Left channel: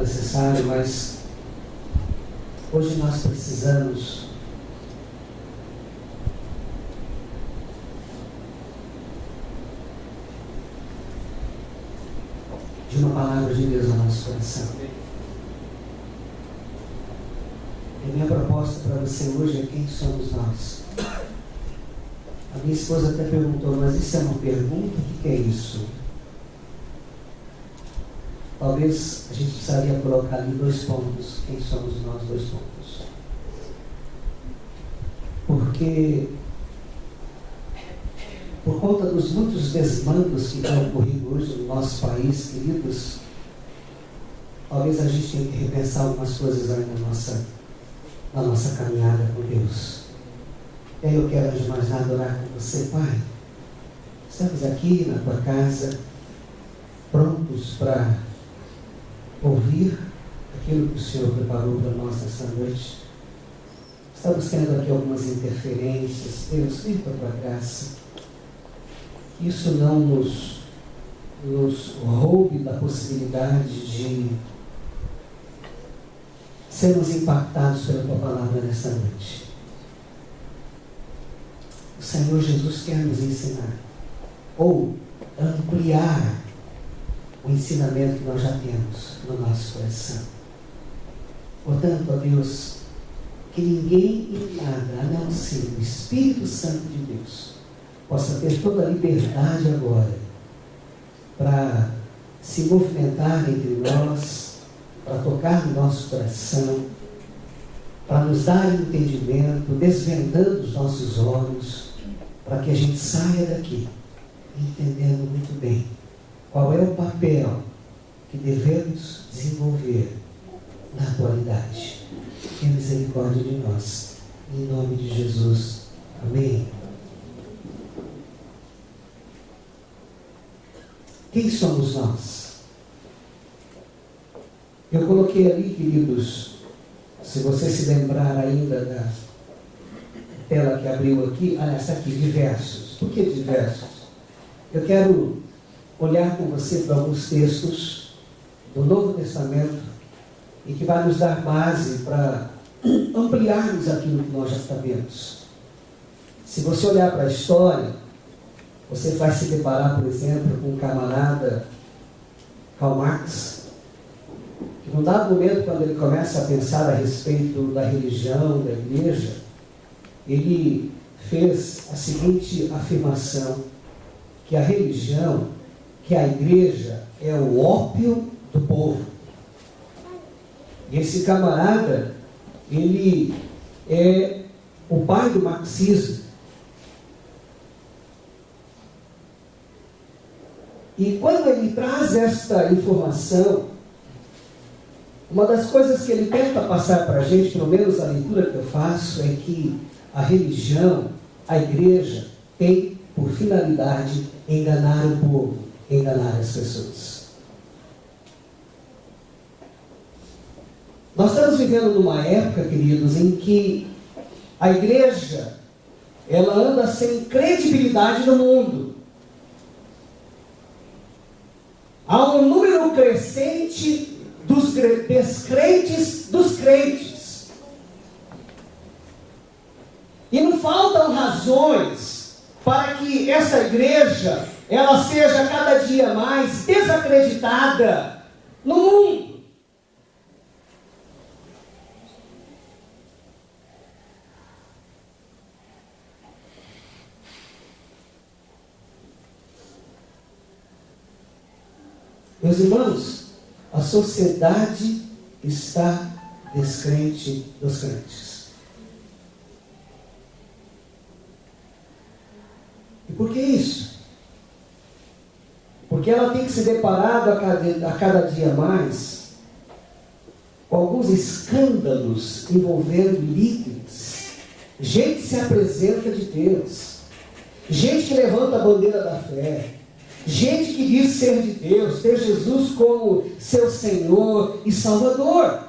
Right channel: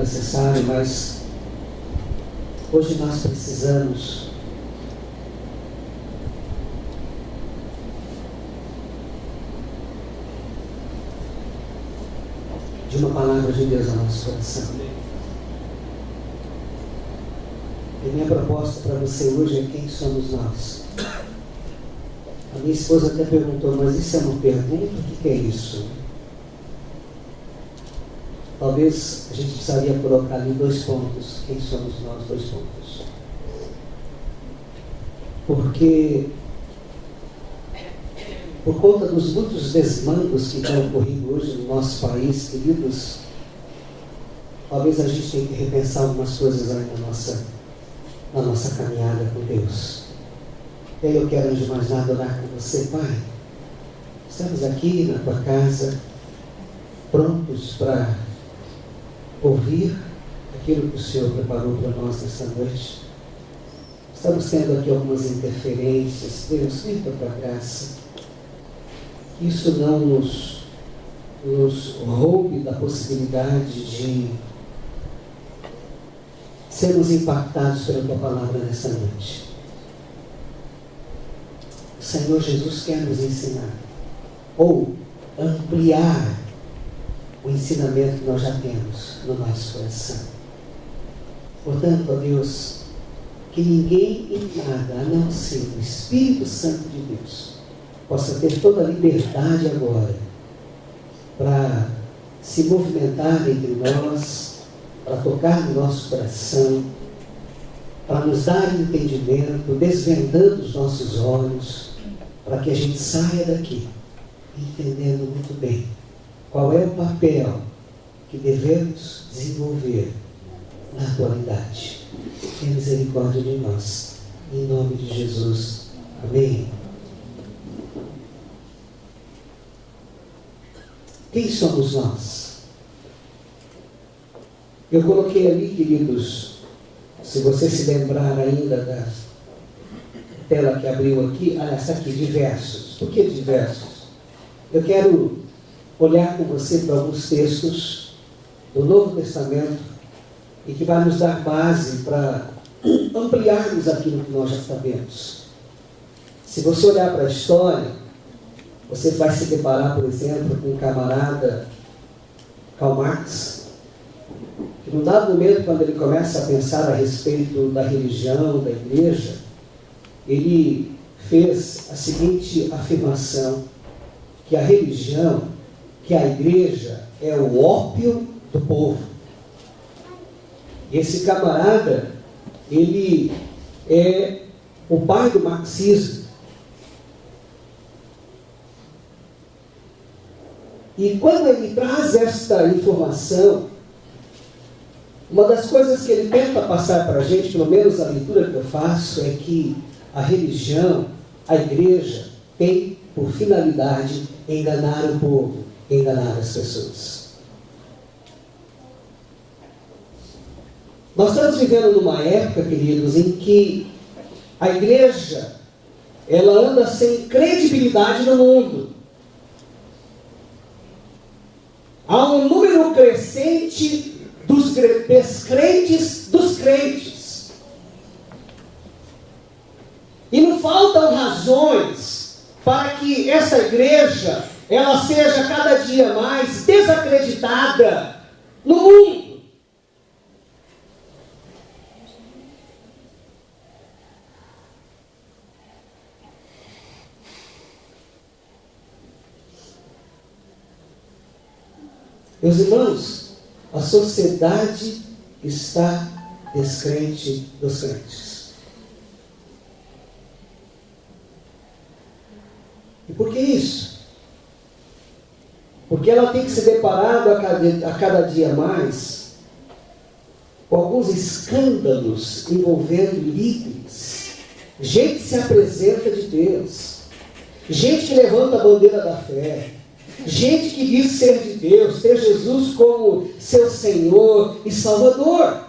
necessário, mas hoje nós precisamos de uma palavra de Deus no nosso coração. E minha proposta para você hoje é: quem somos nós? A minha esposa até perguntou: mas isso é uma pergunta? O que é isso? Talvez a gente precisaria colocar ali 2 pontos. Quem somos nós? 2 pontos. Porque, por conta dos muitos desmandos que têm ocorrido hoje no nosso país, queridos, talvez a gente tenha que repensar algumas coisas aí na nossa caminhada com Deus. E aí eu quero, antes de mais nada, orar com você. Pai, estamos aqui na tua casa, prontos para ouvir aquilo que o Senhor preparou para nós nessa noite. Estamos tendo aqui algumas interferências. Deus, vem com a tua graça. Que isso não nos roube da possibilidade de sermos impactados pela tua palavra nessa noite. O Senhor Jesus quer nos ensinar, ou ampliar o ensinamento que nós já temos no nosso coração. Portanto, ó Deus, que ninguém em nada, a não ser o Espírito Santo de Deus, possa ter toda a liberdade agora para se movimentar entre nós, para tocar no nosso coração, para nos dar entendimento, desvendando os nossos olhos, para que a gente saia daqui entendendo muito bem qual é o papel que devemos desenvolver na atualidade. Tenha misericórdia de nós, em nome de Jesus. Amém. Quem somos nós? Eu coloquei ali, queridos, se você se lembrar ainda da tela que abriu aqui, essa aqui, diversos. Por que diversos? Eu quero olhar com você para alguns textos do Novo Testamento e que vai nos dar base para ampliarmos aquilo que nós já sabemos. Se você olhar para a história, você vai se deparar, por exemplo, com um camarada, Karl Marx, que num dado momento, quando ele começa a pensar a respeito da religião, da igreja, ele fez a seguinte afirmação, que a religião, que a igreja é o ópio do povo. E esse camarada, ele é o pai do marxismo. E quando ele traz esta informação, uma das coisas que ele tenta passar para a gente, pelo menos a leitura que eu faço, é que a religião, a igreja, tem por finalidade enganar o povo, enganar as pessoas. Nós estamos vivendo numa época, queridos, em que a igreja, ela anda sem credibilidade no mundo. Há um número crescente dos descrentes dos crentes. E não faltam razões para que essa igreja, ela seja cada dia mais desacreditada no mundo. Meus irmãos, a sociedade está descrente dos crentes. E por que isso? Porque ela tem que se deparar a cada dia mais com alguns escândalos envolvendo líderes. Gente que se apresenta de Deus. Gente que levanta a bandeira da fé. Gente que diz ser de Deus, ter Jesus como seu Senhor e Salvador.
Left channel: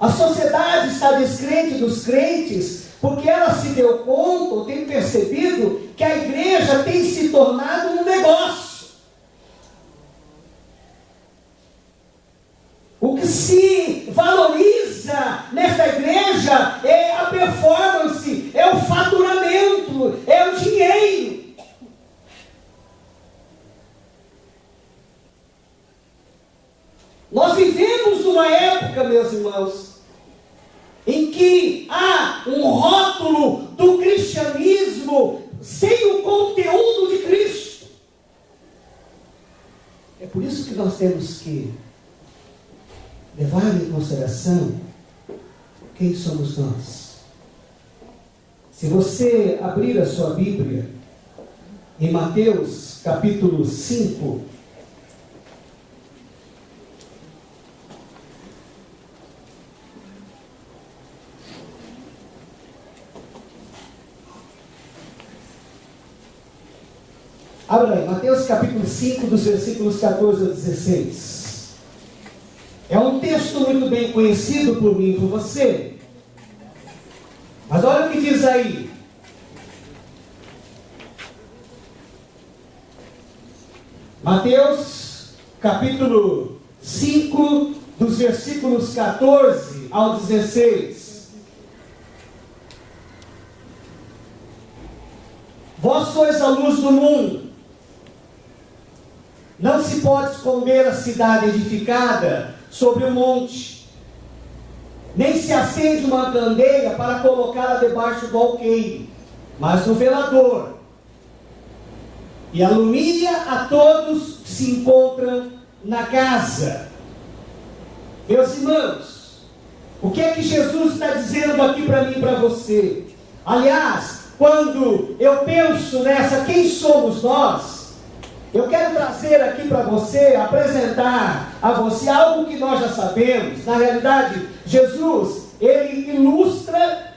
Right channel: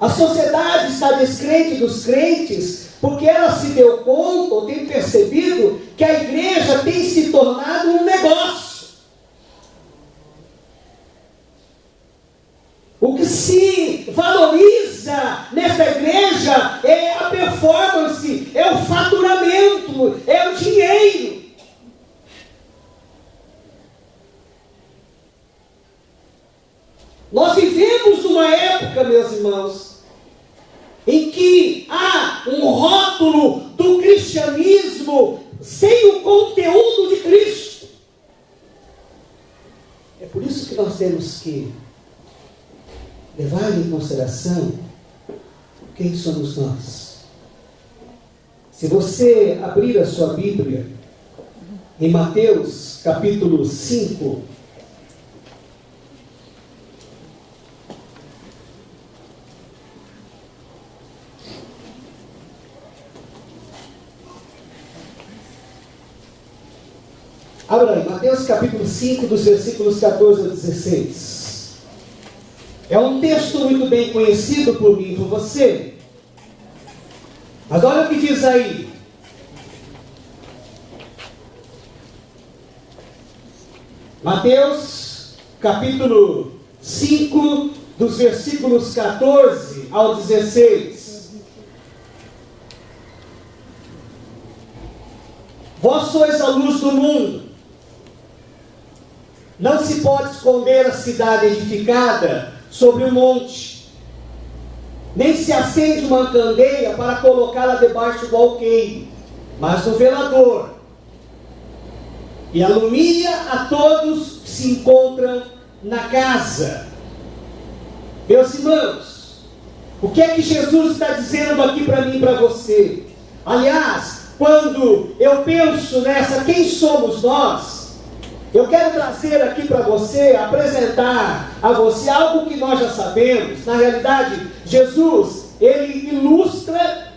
A sociedade está descrente dos crentes porque ela se deu conta, ou tem percebido, que a igreja tem se tornado um negócio. O que se valoriza nessa igreja é a performance, é o faturamento, é o dinheiro. Nós vivemos uma época, meus irmãos, em que há um rótulo do cristianismo sem o conteúdo de Cristo. É por isso que nós temos que levar em consideração quem somos nós. Se você abrir a sua Bíblia em Mateus capítulo 5, abra aí, Mateus capítulo 5, dos versículos 14 a 16. É um texto muito bem conhecido por mim e por você. Mas olha o que diz aí. Mateus capítulo 5, dos versículos 14 ao 16. Vós sois a luz do mundo. Não se pode esconder a cidade edificada sobre um monte, nem se acende uma candeia para colocá-la debaixo do alqueire, mas no velador, e alumia a todos que se encontram na casa. Meus irmãos, o que é que Jesus está dizendo aqui para mim e para você? Aliás, quando eu penso nessa, quem somos nós? Eu quero trazer aqui para você, apresentar a você algo que nós já sabemos. Na realidade, Jesus, ele ilustra,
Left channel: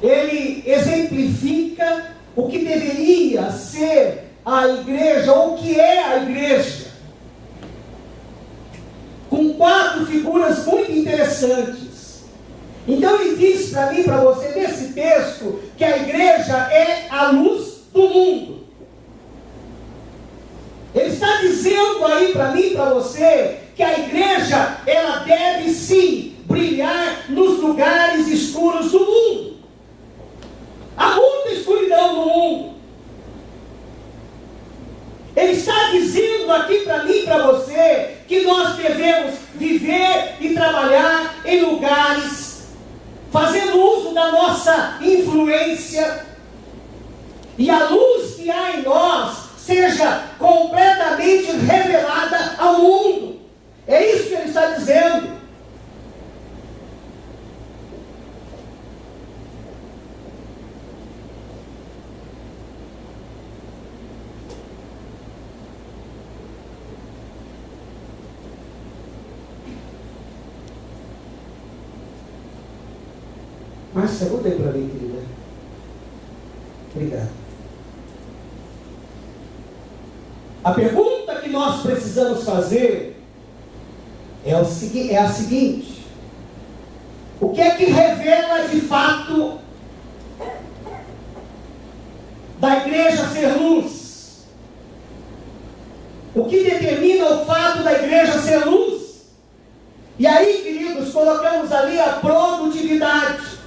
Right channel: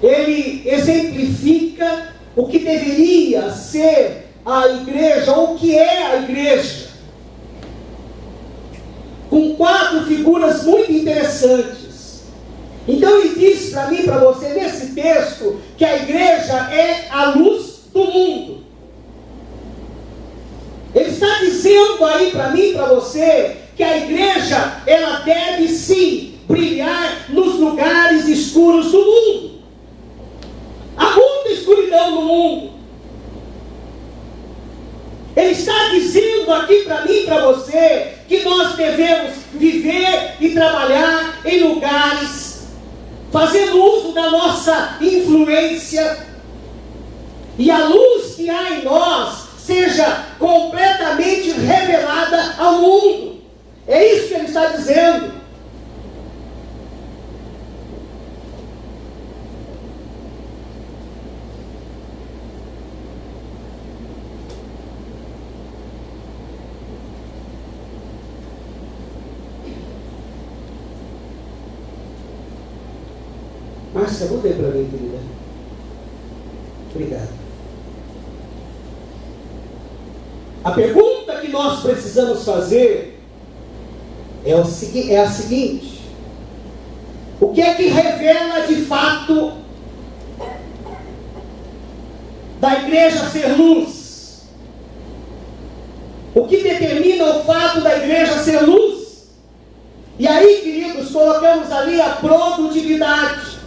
ele exemplifica o que deveria ser a igreja, ou o que é a igreja. Com 4 figuras muito interessantes. Então ele diz para mim e para você, nesse texto, que a igreja é a luz do mundo. Ele está dizendo aí para mim e para você que a igreja, ela deve sim brilhar nos lugares escuros do mundo. Há muita escuridão no mundo. Ele está dizendo aqui para mim e para você que nós devemos viver e trabalhar em lugares, fazendo uso da nossa influência, e a luz que há em nós seja completamente revelada ao mundo. É isso que ele está dizendo. Márcia, muda aí para mim, querida. Obrigado. A pergunta que nós precisamos fazer é a seguinte: o que é que revela de fato da igreja ser luz? O que determina o fato da igreja ser luz? E aí, queridos, colocamos ali a produtividade.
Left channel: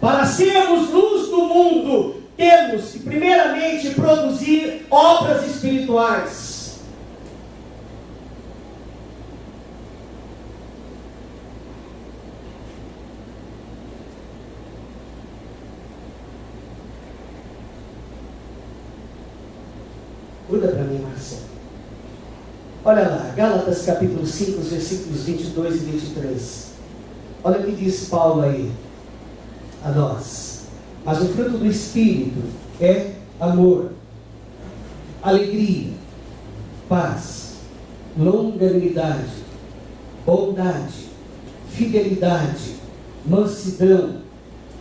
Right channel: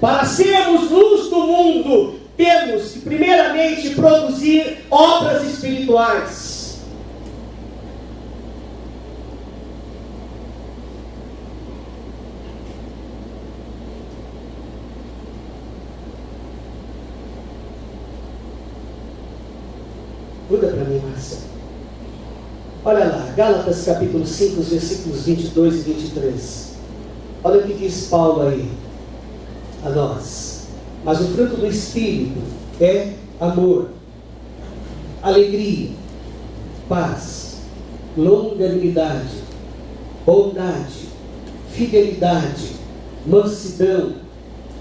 Para sermos luz do mundo, temos que primeiramente produzir obras espirituais. Muda para mim, Márcia. Olha lá, Gálatas capítulo 5, versículos 22 e 23. Olha o que diz Paulo aí a nós. Mas o fruto do Espírito é amor, alegria, paz, longanimidade, bondade, fidelidade, mansidão,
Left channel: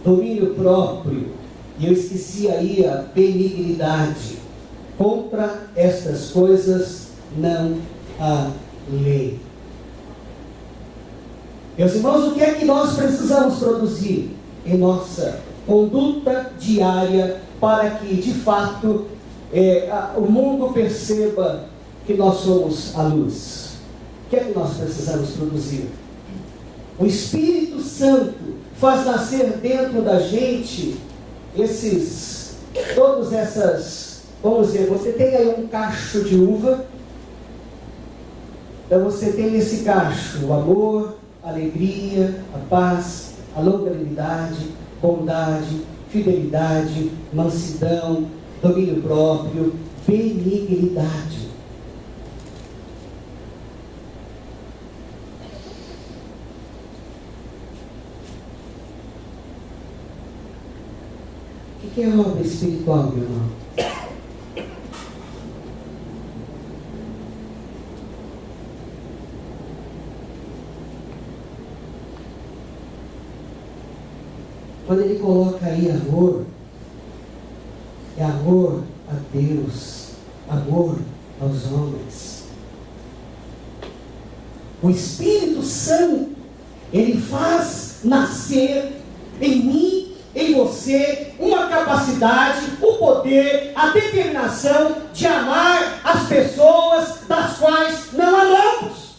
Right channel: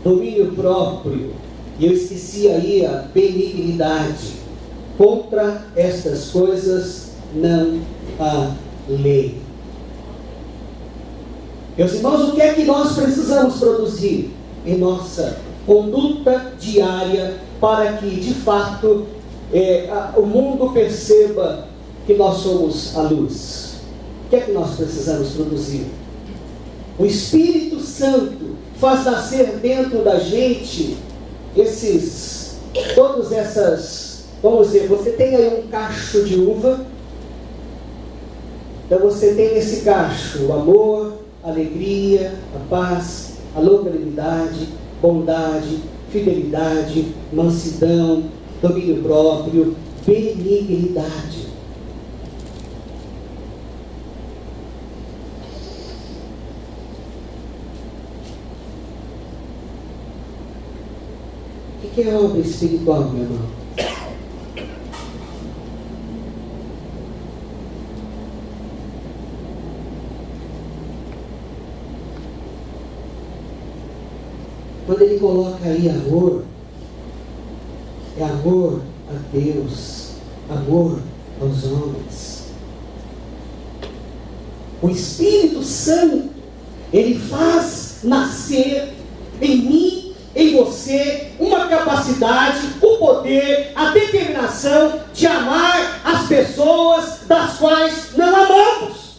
domínio próprio. E eu esqueci aí a benignidade. Contra estas coisas não há lei. Meus irmãos, o que é que nós precisamos produzir em nossa conduta diária para que, de fato, o mundo perceba que nós somos a luz? O que é que nós precisamos produzir? O Espírito Santo faz nascer dentro da gente todas essas, vamos dizer, você tem aí um cacho de uva, então você tem nesse cacho o amor, a alegria, a paz, a longanimidade, bondade, fidelidade, mansidão, domínio próprio, benignidade. O que é obra espiritual, meu irmão? Quando ele coloca aí amor, é amor a Deus, amor aos homens. O Espírito Santo, ele faz nascer em mim, em você, uma capacidade, o poder, a determinação de amar as pessoas das quais não amamos.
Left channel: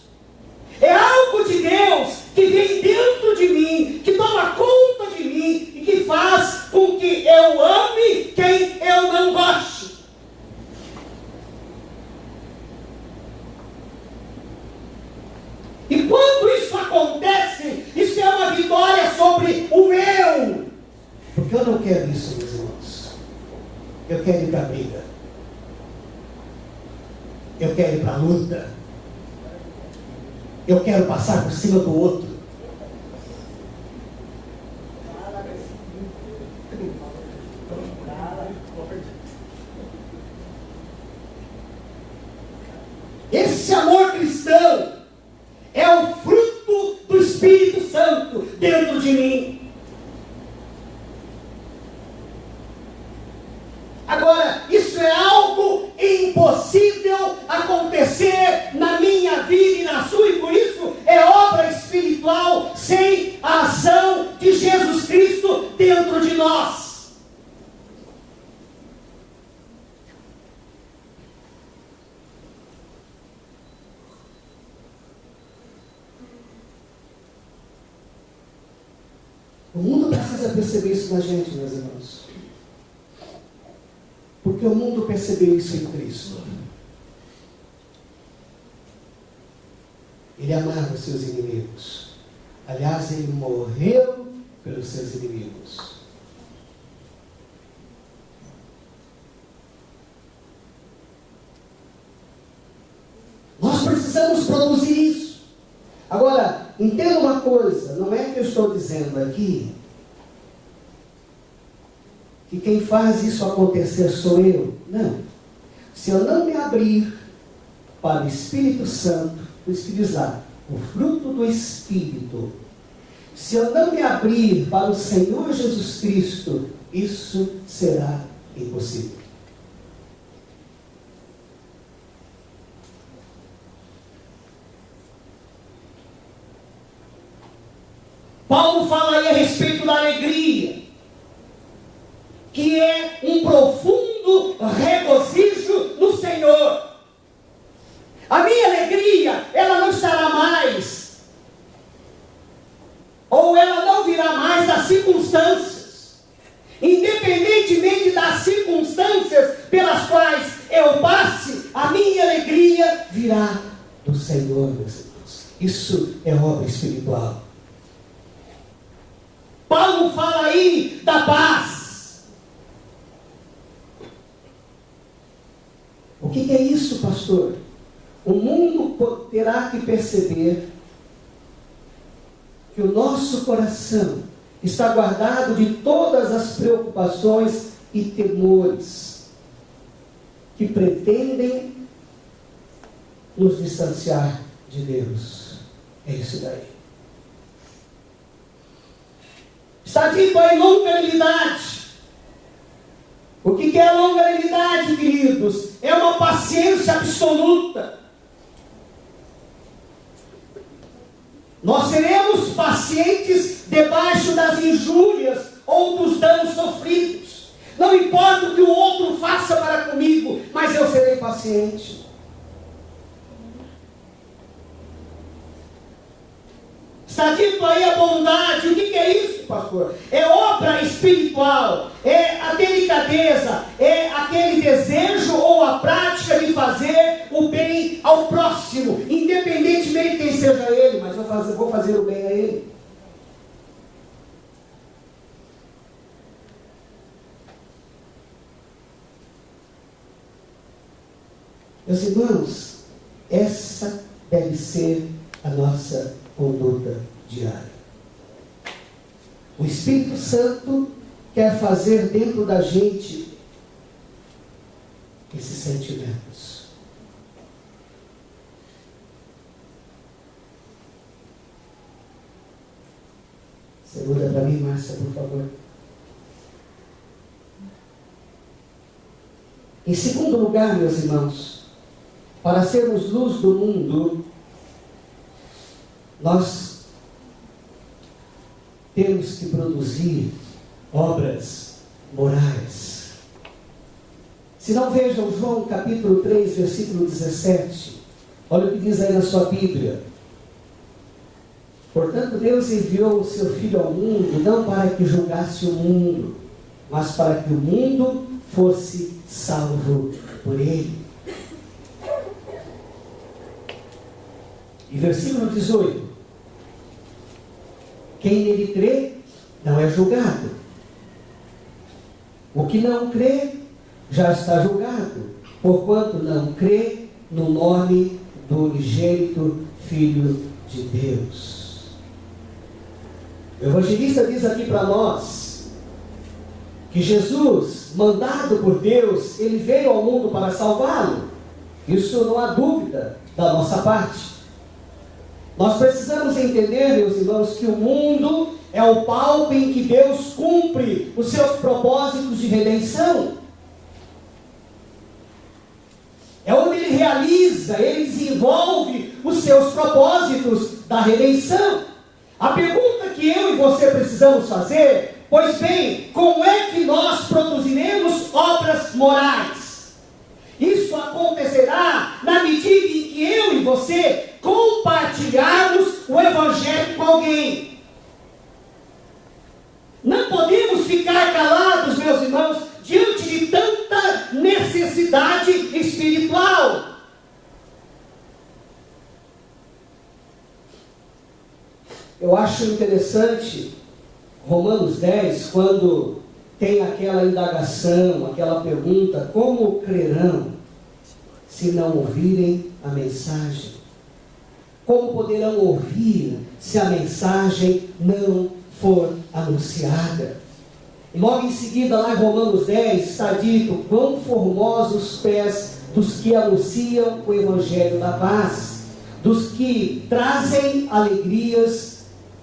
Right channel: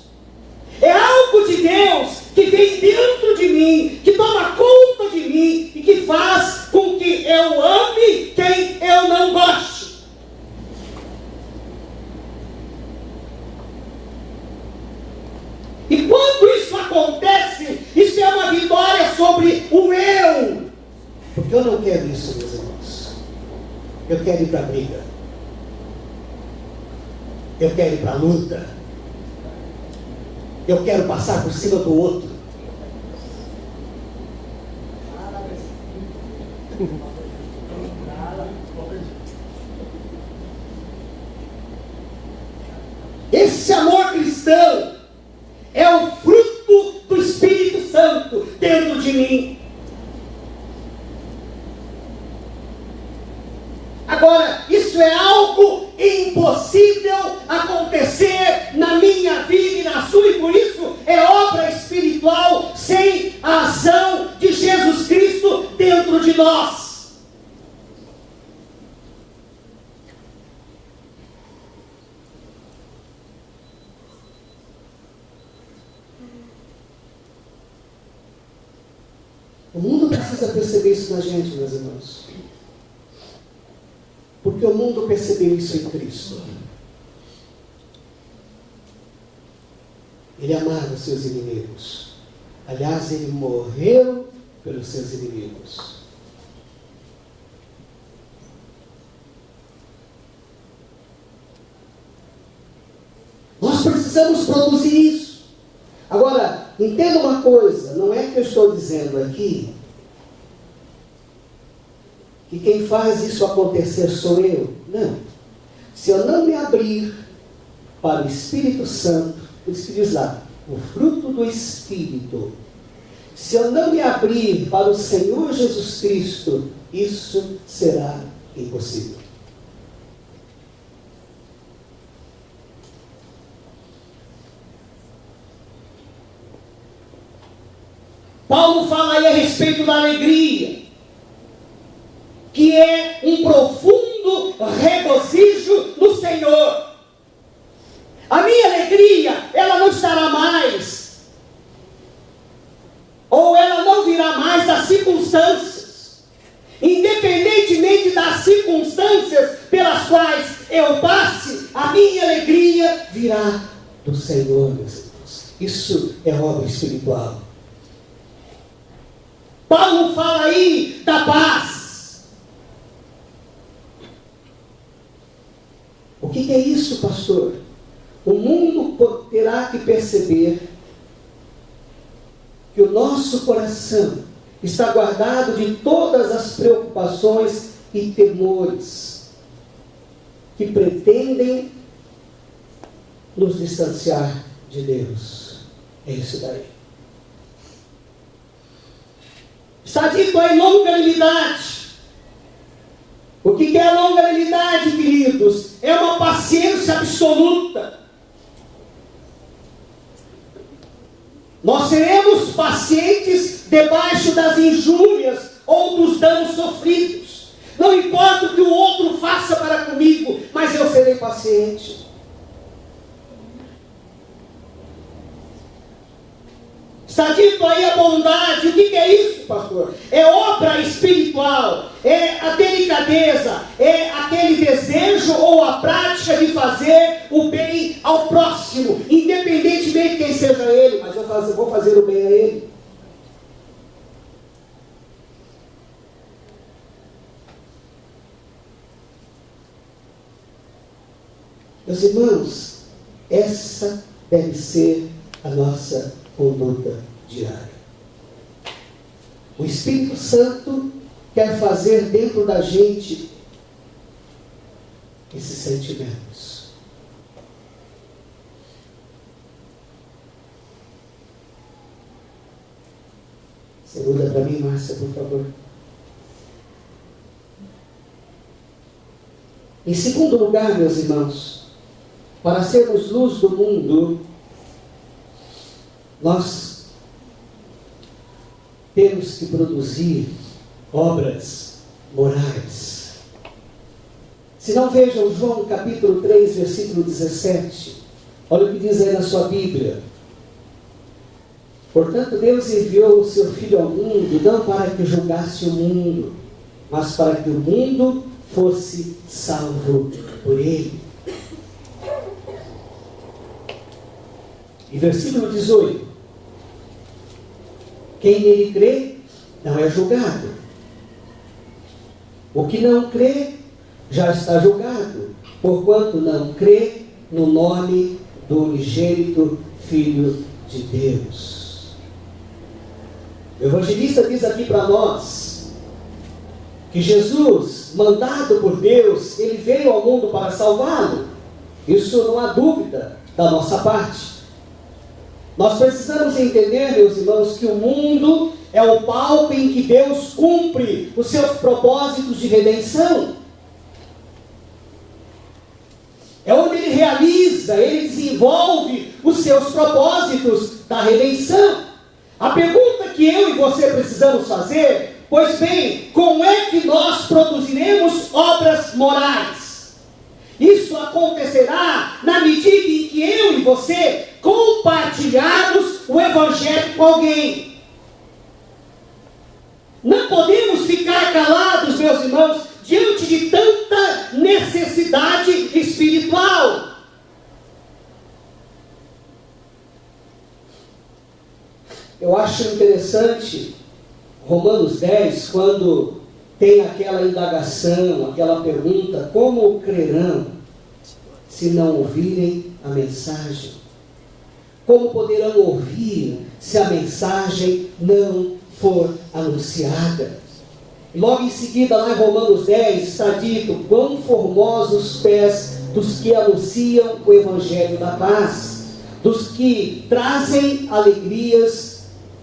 É algo de Deus que vem dentro de mim, que toma conta de mim e que faz com que eu ame quem eu não goste. E quando isso acontece, isso é uma vitória sobre o eu. Porque eu não quero isso, meus irmãos. Eu quero ir para a briga. Eu quero ir para a luta. Eu quero passar por cima do outro. Esse amor cristão é o fruto do Espírito Santo dentro de mim. Agora, isso é algo impossível acontecer na minha vida e na sua, e por isso é obra espiritual sem a ação de Jesus Cristo dentro de nós. O mundo precisa perceber isso na gente, meus irmãos. Porque o mundo percebeu isso em Cristo. Ele amava seus inimigos. Aliás, ele morreu pelos seus inimigos. Nós precisamos produzir isso. Agora, entenda uma coisa, não é que eu estou dizendo aqui que quem faz isso acontecer sou eu. Não. Se eu não me abrir para o Espírito Santo, por isso que diz lá, o fruto do Espírito, se eu não me abrir para o Senhor Jesus Cristo, isso será impossível. Paulo fala aí a respeito da alegria, que é um profundo regozijo no Senhor. A minha alegria, ela não estará mais, ou ela não virá mais das circunstâncias. Independentemente das circunstâncias pelas quais eu passe, a minha alegria virá do Senhor, meus irmãos. Isso é obra espiritual. Paulo fala aí da paz. O que é isso, pastor? O mundo terá que perceber que o nosso coração está guardado de todas as preocupações e temores que pretendem nos distanciar de Deus. É isso daí. Está dito aí longanimidade. O que é longanimidade, queridos? É uma paciência absoluta. Nós seremos pacientes debaixo das injúrias ou dos danos sofridos. Não importa o que o outro faça para comigo, mas eu serei paciente. Está dito aí a bondade. O que é isso, pastor? É obra espiritual, é a delicadeza, é aquele desejo ou a prática de fazer o bem ao próximo, independentemente de quem seja ele, mas eu vou fazer o bem a ele. Meus irmãos, essa deve ser a nossa conduta diária. O Espírito Santo quer fazer dentro da gente esses sentimentos. Você muda para mim, Márcia, por favor. Em segundo lugar, meus irmãos, para sermos luz do mundo, nós temos que produzir obras morais. Se não vejam João capítulo 3, versículo 17, olha o que diz aí na sua Bíblia. Portanto, Deus enviou o seu Filho ao mundo, não para que julgasse o mundo, mas para que o mundo fosse salvo por ele. E versículo 18. Quem nele crê, não é julgado. O que não crê, já está julgado, porquanto não crê no nome do unigênito Filho de Deus. O evangelista diz aqui para nós, que Jesus, mandado por Deus, ele veio ao mundo para salvá-lo. Isso não há dúvida da nossa parte. Nós precisamos entender, meus irmãos, que o mundo é o palco em que Deus cumpre os seus propósitos de redenção. É onde Ele realiza, Ele desenvolve os seus propósitos da redenção. A pergunta que eu e você precisamos fazer, pois bem, como é que nós produziremos obras morais? Isso acontecerá na medida em que eu e você compartilharmos o Evangelho com alguém. Não podemos ficar calados, meus irmãos, diante de tanta necessidade espiritual. Eu acho interessante Romanos 10, quando tem aquela indagação, aquela pergunta: como crerão se não ouvirem a mensagem? Como poderão ouvir se a mensagem não for anunciada? E logo em seguida, lá em Romanos 10, está dito: quão formosos os pés dos que anunciam o Evangelho da paz, dos que trazem alegrias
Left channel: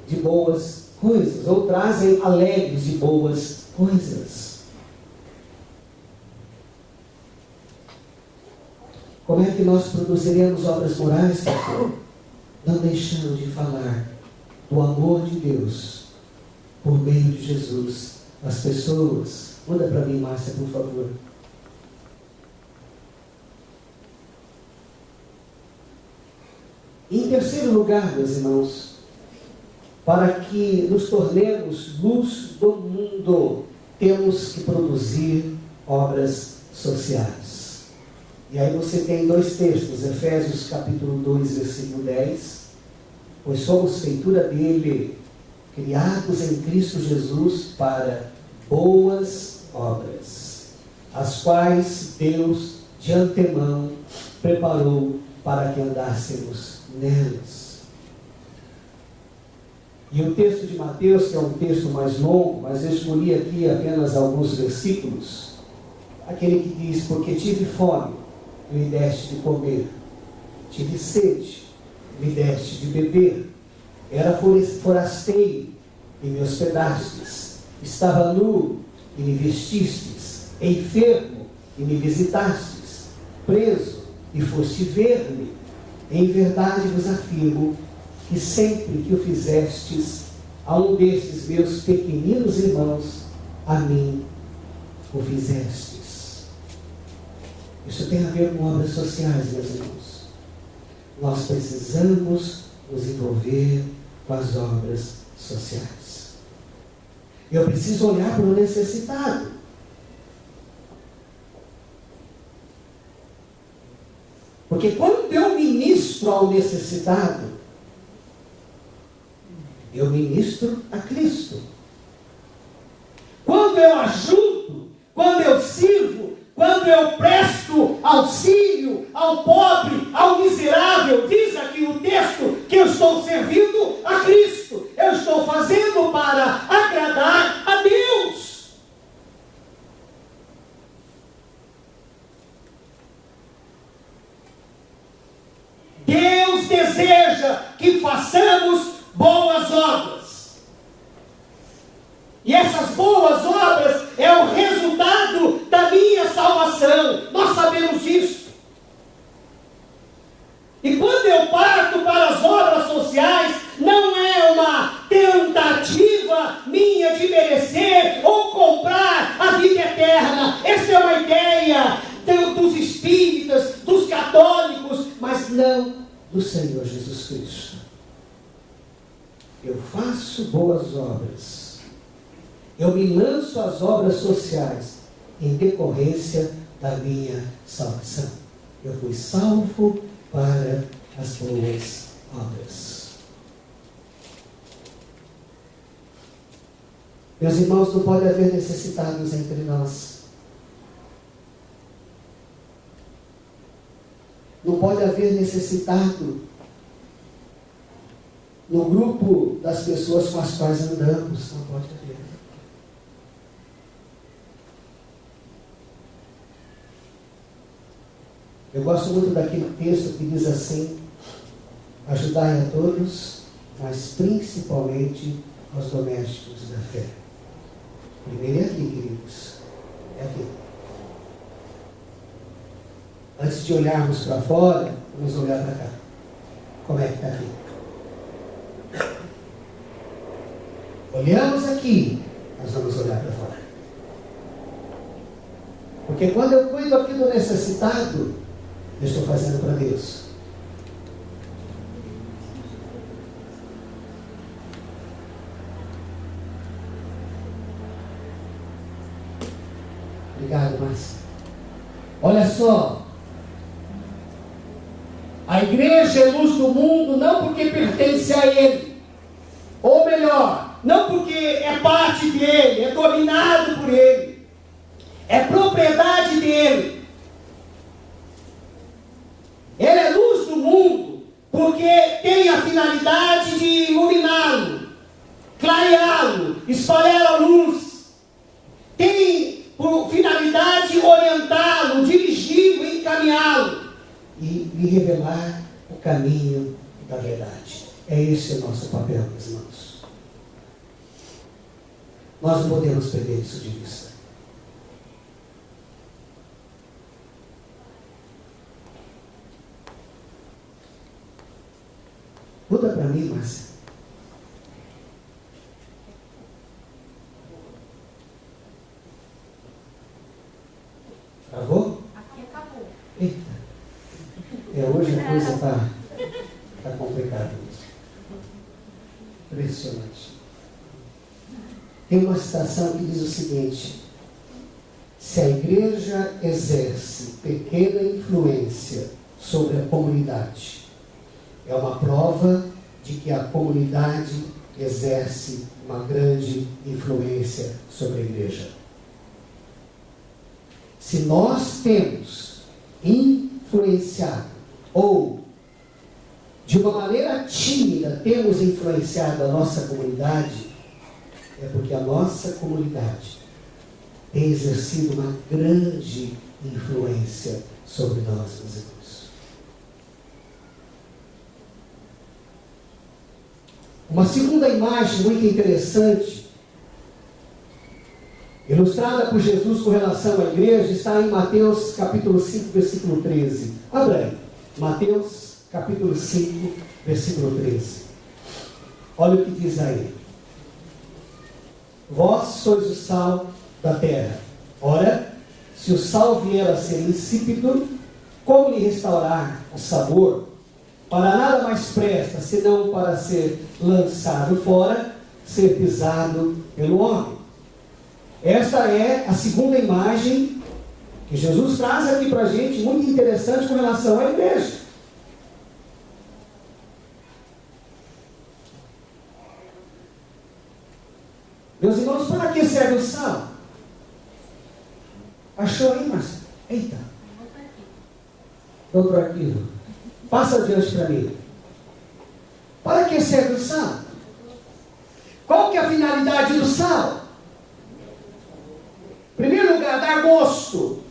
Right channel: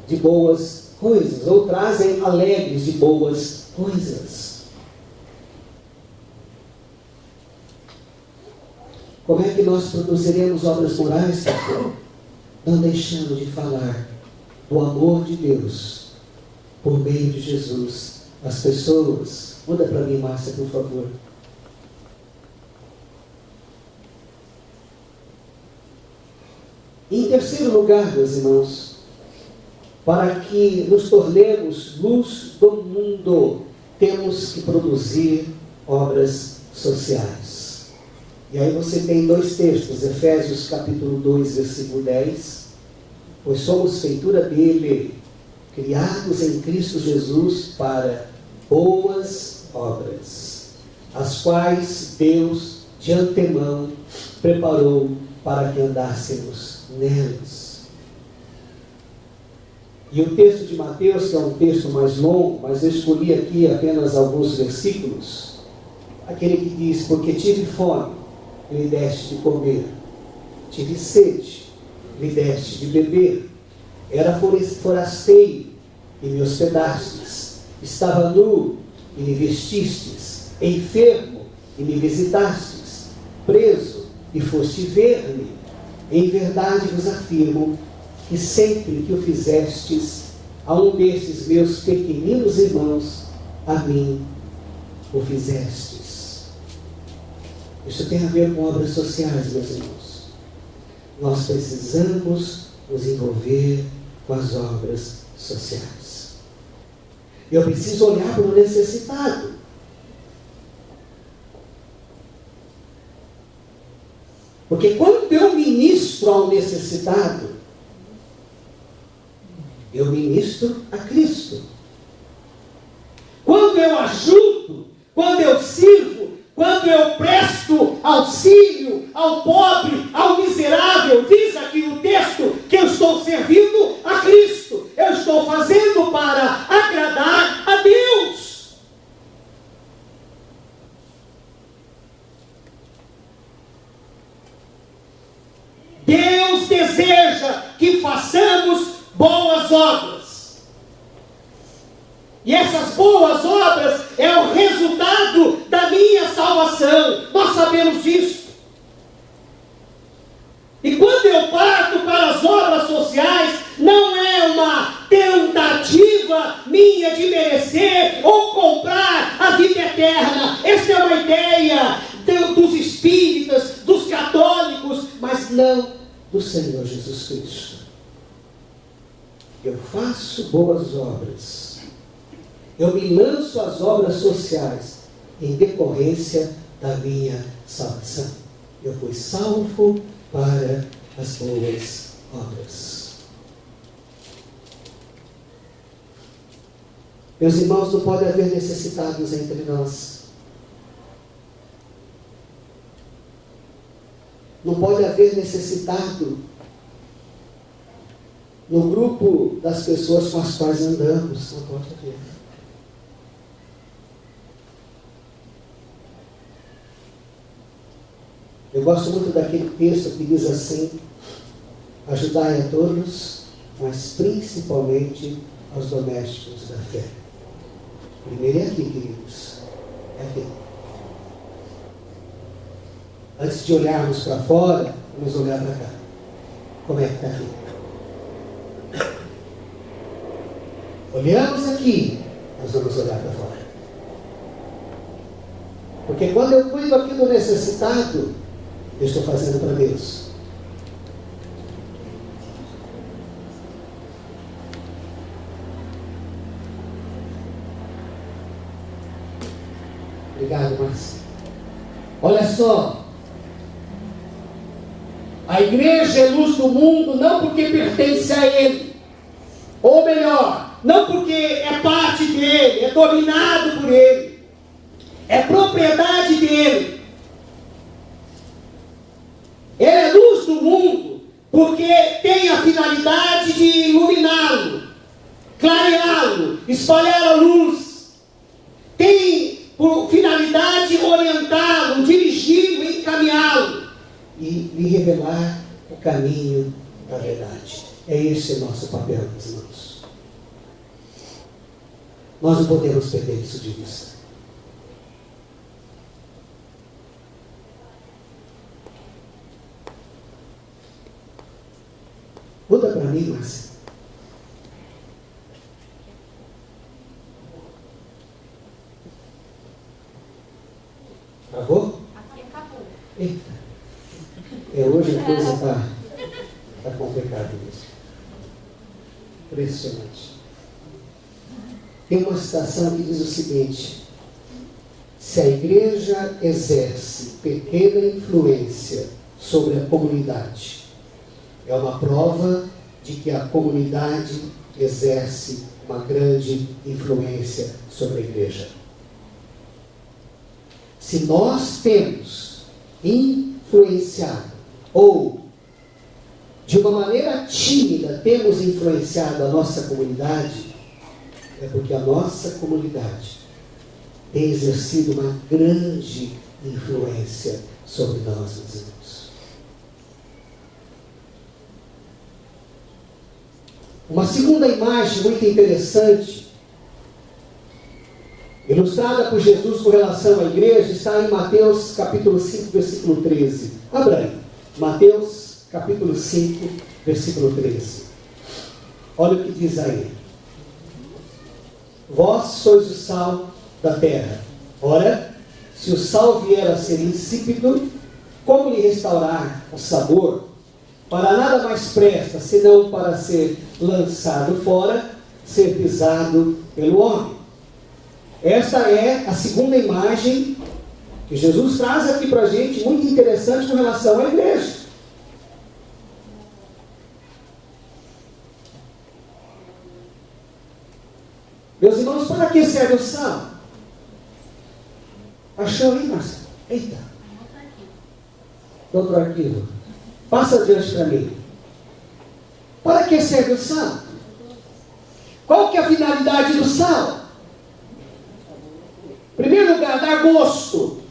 de boas coisas, ou trazem alegres de boas coisas. Como é que nós produziremos obras morais, pastor? Não deixando de falar do amor de Deus por meio de Jesus às pessoas. Muda para mim, Márcia, por favor. Em terceiro lugar, meus irmãos, para que nos tornemos luz do mundo, temos que produzir obras sociais. E aí você tem dois textos, Efésios capítulo 2, versículo 10. Pois somos feitura dele, criados em Cristo Jesus para boas obras, as quais Deus de antemão preparou para que andássemos nelas. E o texto de Mateus, que é um texto mais longo, mas eu escolhi aqui apenas alguns versículos, aquele que diz: porque tive fome, e me deste de comer, tive sede, me deste de beber, era forasteiro, e me hospedastes, estava nu, e me vestistes, enfermo, e me visitastes, preso, e foste ver-me. Em verdade vos afirmo que sempre que o fizestes a um destes meus pequeninos irmãos, a mim o fizestes. Isso tem a ver com obras sociais, meus irmãos. Nós precisamos nos envolver com as obras sociais. Eu preciso olhar para o necessitado. Porque quando eu ministro ao necessitado, eu ministro a Cristo. Quando eu ajudo, quando eu sirvo, quando eu presto auxílio ao pobre, ao miserável, diz aqui o texto que eu estou servindo a Cristo. Eu estou fazendo para agradar a Deus. Deus deseja que façamos boas obras. E essas boas obras é o resultado da minha salvação. Nós sabemos disso. E quando eu parto para as obras sociais, não é uma tentativa minha de merecer ou comprar a vida eterna. Essa é uma ideia dos espíritas, dos católicos, mas não do Senhor Jesus Cristo. Eu faço boas obras. Eu me lanço às obras sociais em decorrência da minha salvação. Eu fui salvo para as boas obras. Meus irmãos, não pode haver necessitados entre nós. Não pode haver necessitado no grupo das pessoas com as quais andamos. Não pode haver. Eu gosto muito daquele texto que diz assim: ajudai a todos, mas principalmente aos domésticos da fé. Primeiro é aqui, queridos. É aqui. Antes de olharmos para fora, vamos olhar para cá. Como é que está aqui? Olhamos aqui, nós vamos olhar para fora. Porque quando eu cuido aqui do necessitado, eu estou fazendo para Deus. Obrigado, Márcia. Olha só. A igreja é luz do mundo não porque pertence a Ele. Ou melhor, não porque é parte dele, é dominado por Ele. É propriedade dele. Ele é luz do mundo porque tem a finalidade de iluminá-lo, clareá-lo, espalhar a luz. Tem por finalidade orientá-lo, dirigi-lo e encaminhá-lo e lhe revelar o caminho da verdade. É esse o nosso papel, meus irmãos. Nós não podemos perder isso de vista. Muda para mim, Márcia. Travou? Aqui acabou. Eita. Hoje a coisa está complicada mesmo. Impressionante. Tem uma citação que diz o seguinte: se a igreja exerce pequena influência sobre a comunidade, é uma prova de que a comunidade exerce uma grande influência sobre a igreja. Se nós temos influenciado, ou de uma maneira tímida temos influenciado a nossa comunidade, é porque a nossa comunidade tem exercido uma grande influência sobre nós, meus irmãos. Uma segunda imagem muito interessante, ilustrada por Jesus com relação à igreja, está em Mateus capítulo 5, versículo 13. Abra aí. Mateus capítulo 5, versículo 13. Olha o que diz aí. Vós sois o sal da terra. Ora, se o sal vier a ser insípido, como lhe restaurar o sabor? para nada mais presta, senão para ser lançado fora, ser pisado pelo homem. Esta é a segunda imagem que Jesus traz aqui para a gente, muito interessante com relação à igreja. Meus irmãos, para que serve o sal? Achou aí, Marcelo? Eita. Outro arquivo. Passa adiante para mim. Para que serve o sal? Qual que é a finalidade do sal? Em primeiro lugar, dar gosto.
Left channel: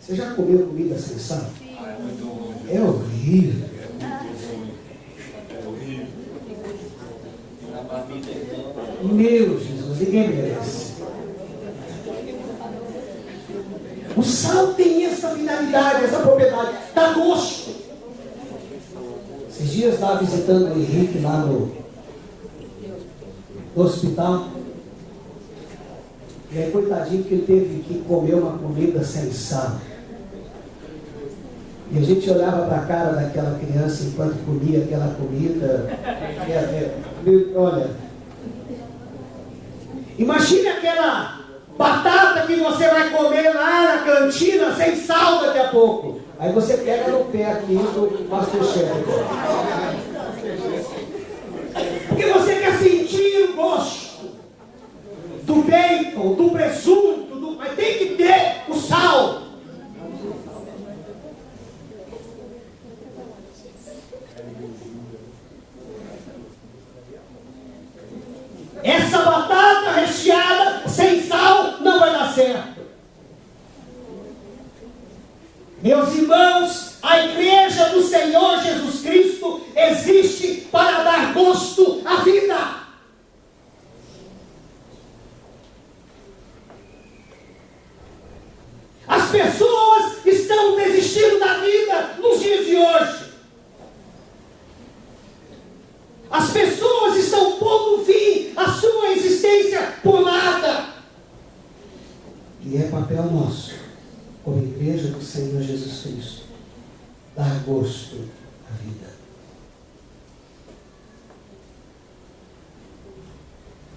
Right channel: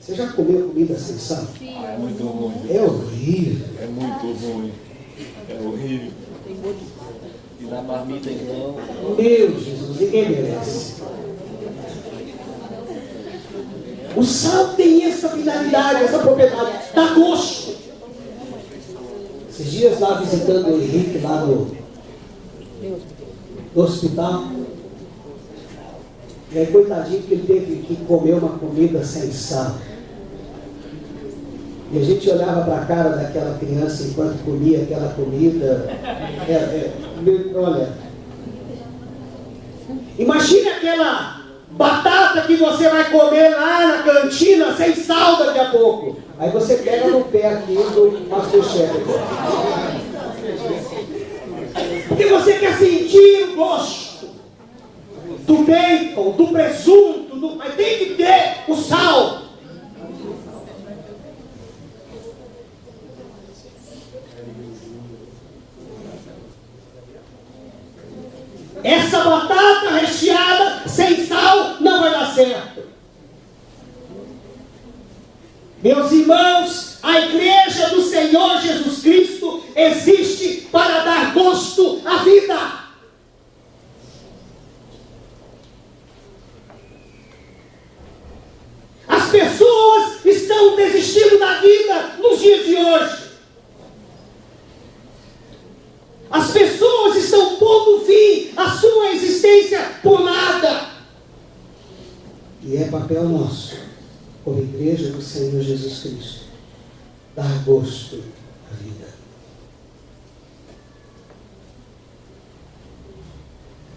Você já comeu comida sem sal? É muito ruim. É horrível. É muito ruim. É horrível. E na marmita igual. Meu Jesus, ninguém merece. O sal tem essa finalidade, essa propriedade, dá gosto. Esses dias lá visitando o Henrique lá no hospital, e aí coitadinho que ele teve que comer uma comida sem sal. E a gente olhava para a cara daquela criança enquanto comia aquela comida. Olha, imagine aquela batata que você vai comer lá na cantina sem sal daqui a pouco. Aí você pega no pé aqui do Masterchef. Porque você quer sentir o gosto do bacon, do presunto, mas tem que ter o sal. Essa batata recheada sem sal não vai dar certo. Meus irmãos, a igreja do Senhor Jesus Cristo existe para dar gosto à vida. As pessoas estão desistindo da vida nos dias de hoje. As pessoas estão pondo fim à sua existência por nada. E é papel nosso, como igreja do Senhor Jesus Cristo, dar gosto à vida.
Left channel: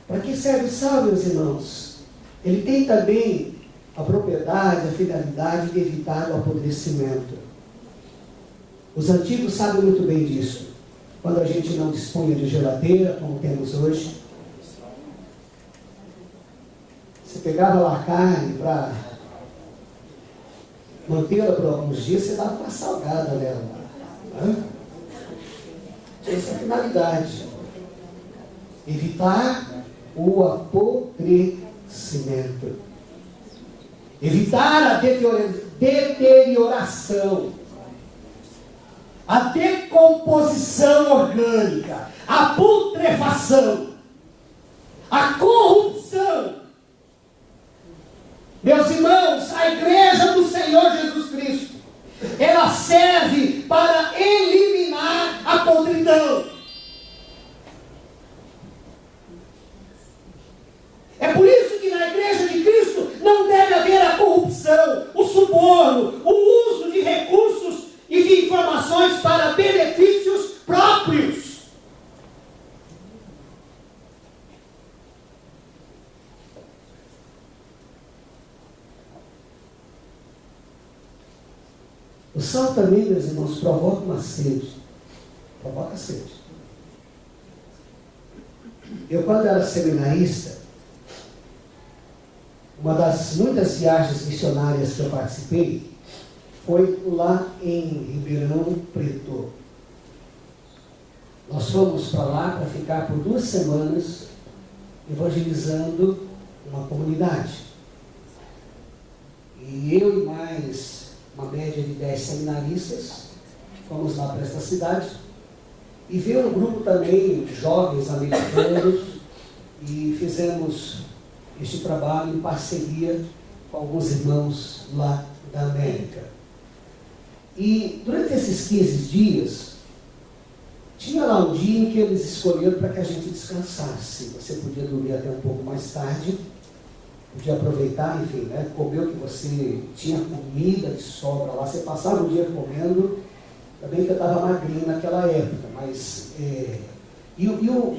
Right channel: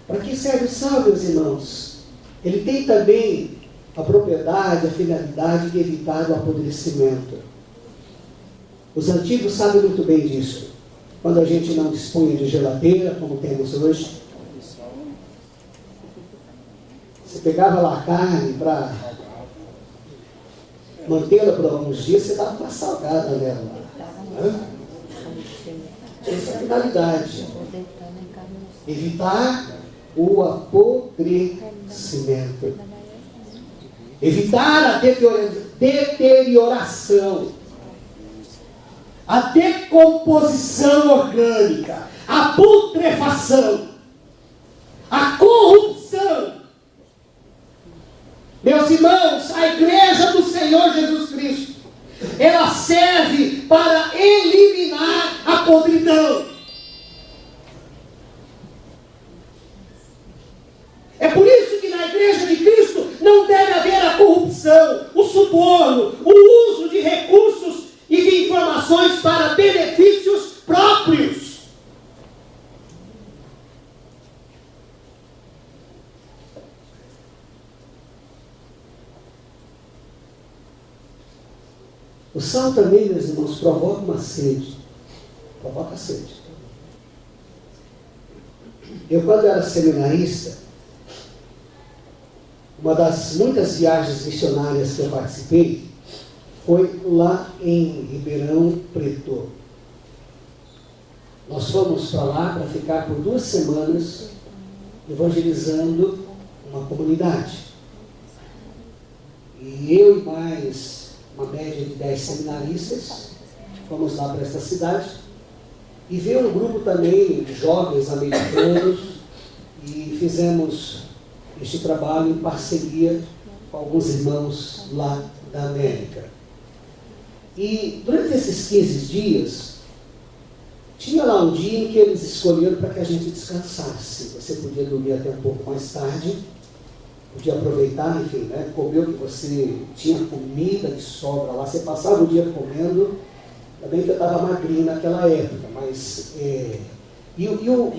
Para que serve o sal, meus irmãos? Ele tem também a propriedade, a finalidade de evitar o apodrecimento. Os antigos sabem muito bem disso. Quando a gente não dispunha de geladeira, como temos hoje, você pegava lá a carne para mantê-la por alguns dias, você dava uma salgada nela. Essa é a finalidade. Evitar o apodrecimento. Evitar a deterioração. A decomposição orgânica, a putrefação, a corrupção. Meus irmãos, a igreja do Senhor Jesus Cristo, ela serve para eliminar a podridão. É por isso que na igreja de Cristo não deve haver a corrupção, o suborno, o uso de recursos e de informações para benefícios próprios. O sal também, meus irmãos, provoca uma sede. Provoca sede. Eu, quando era seminarista, uma das muitas viagens missionárias que eu participei foi lá em Ribeirão Preto. Nós fomos para lá para ficar por 2 semanas evangelizando uma comunidade. E eu e mais uma média de 10 seminaristas fomos lá para esta cidade e veio um grupo também de jovens americanos e fizemos esse trabalho em parceria com alguns irmãos lá da América. E durante esses 15 dias, tinha lá um dia em que eles escolheram para que a gente descansasse. Você podia dormir até um pouco mais tarde podia aproveitar, enfim, né? Comer o que você tinha comida de sobra lá, você passava o dia comendo. Também que eu estava magrinho naquela época, mas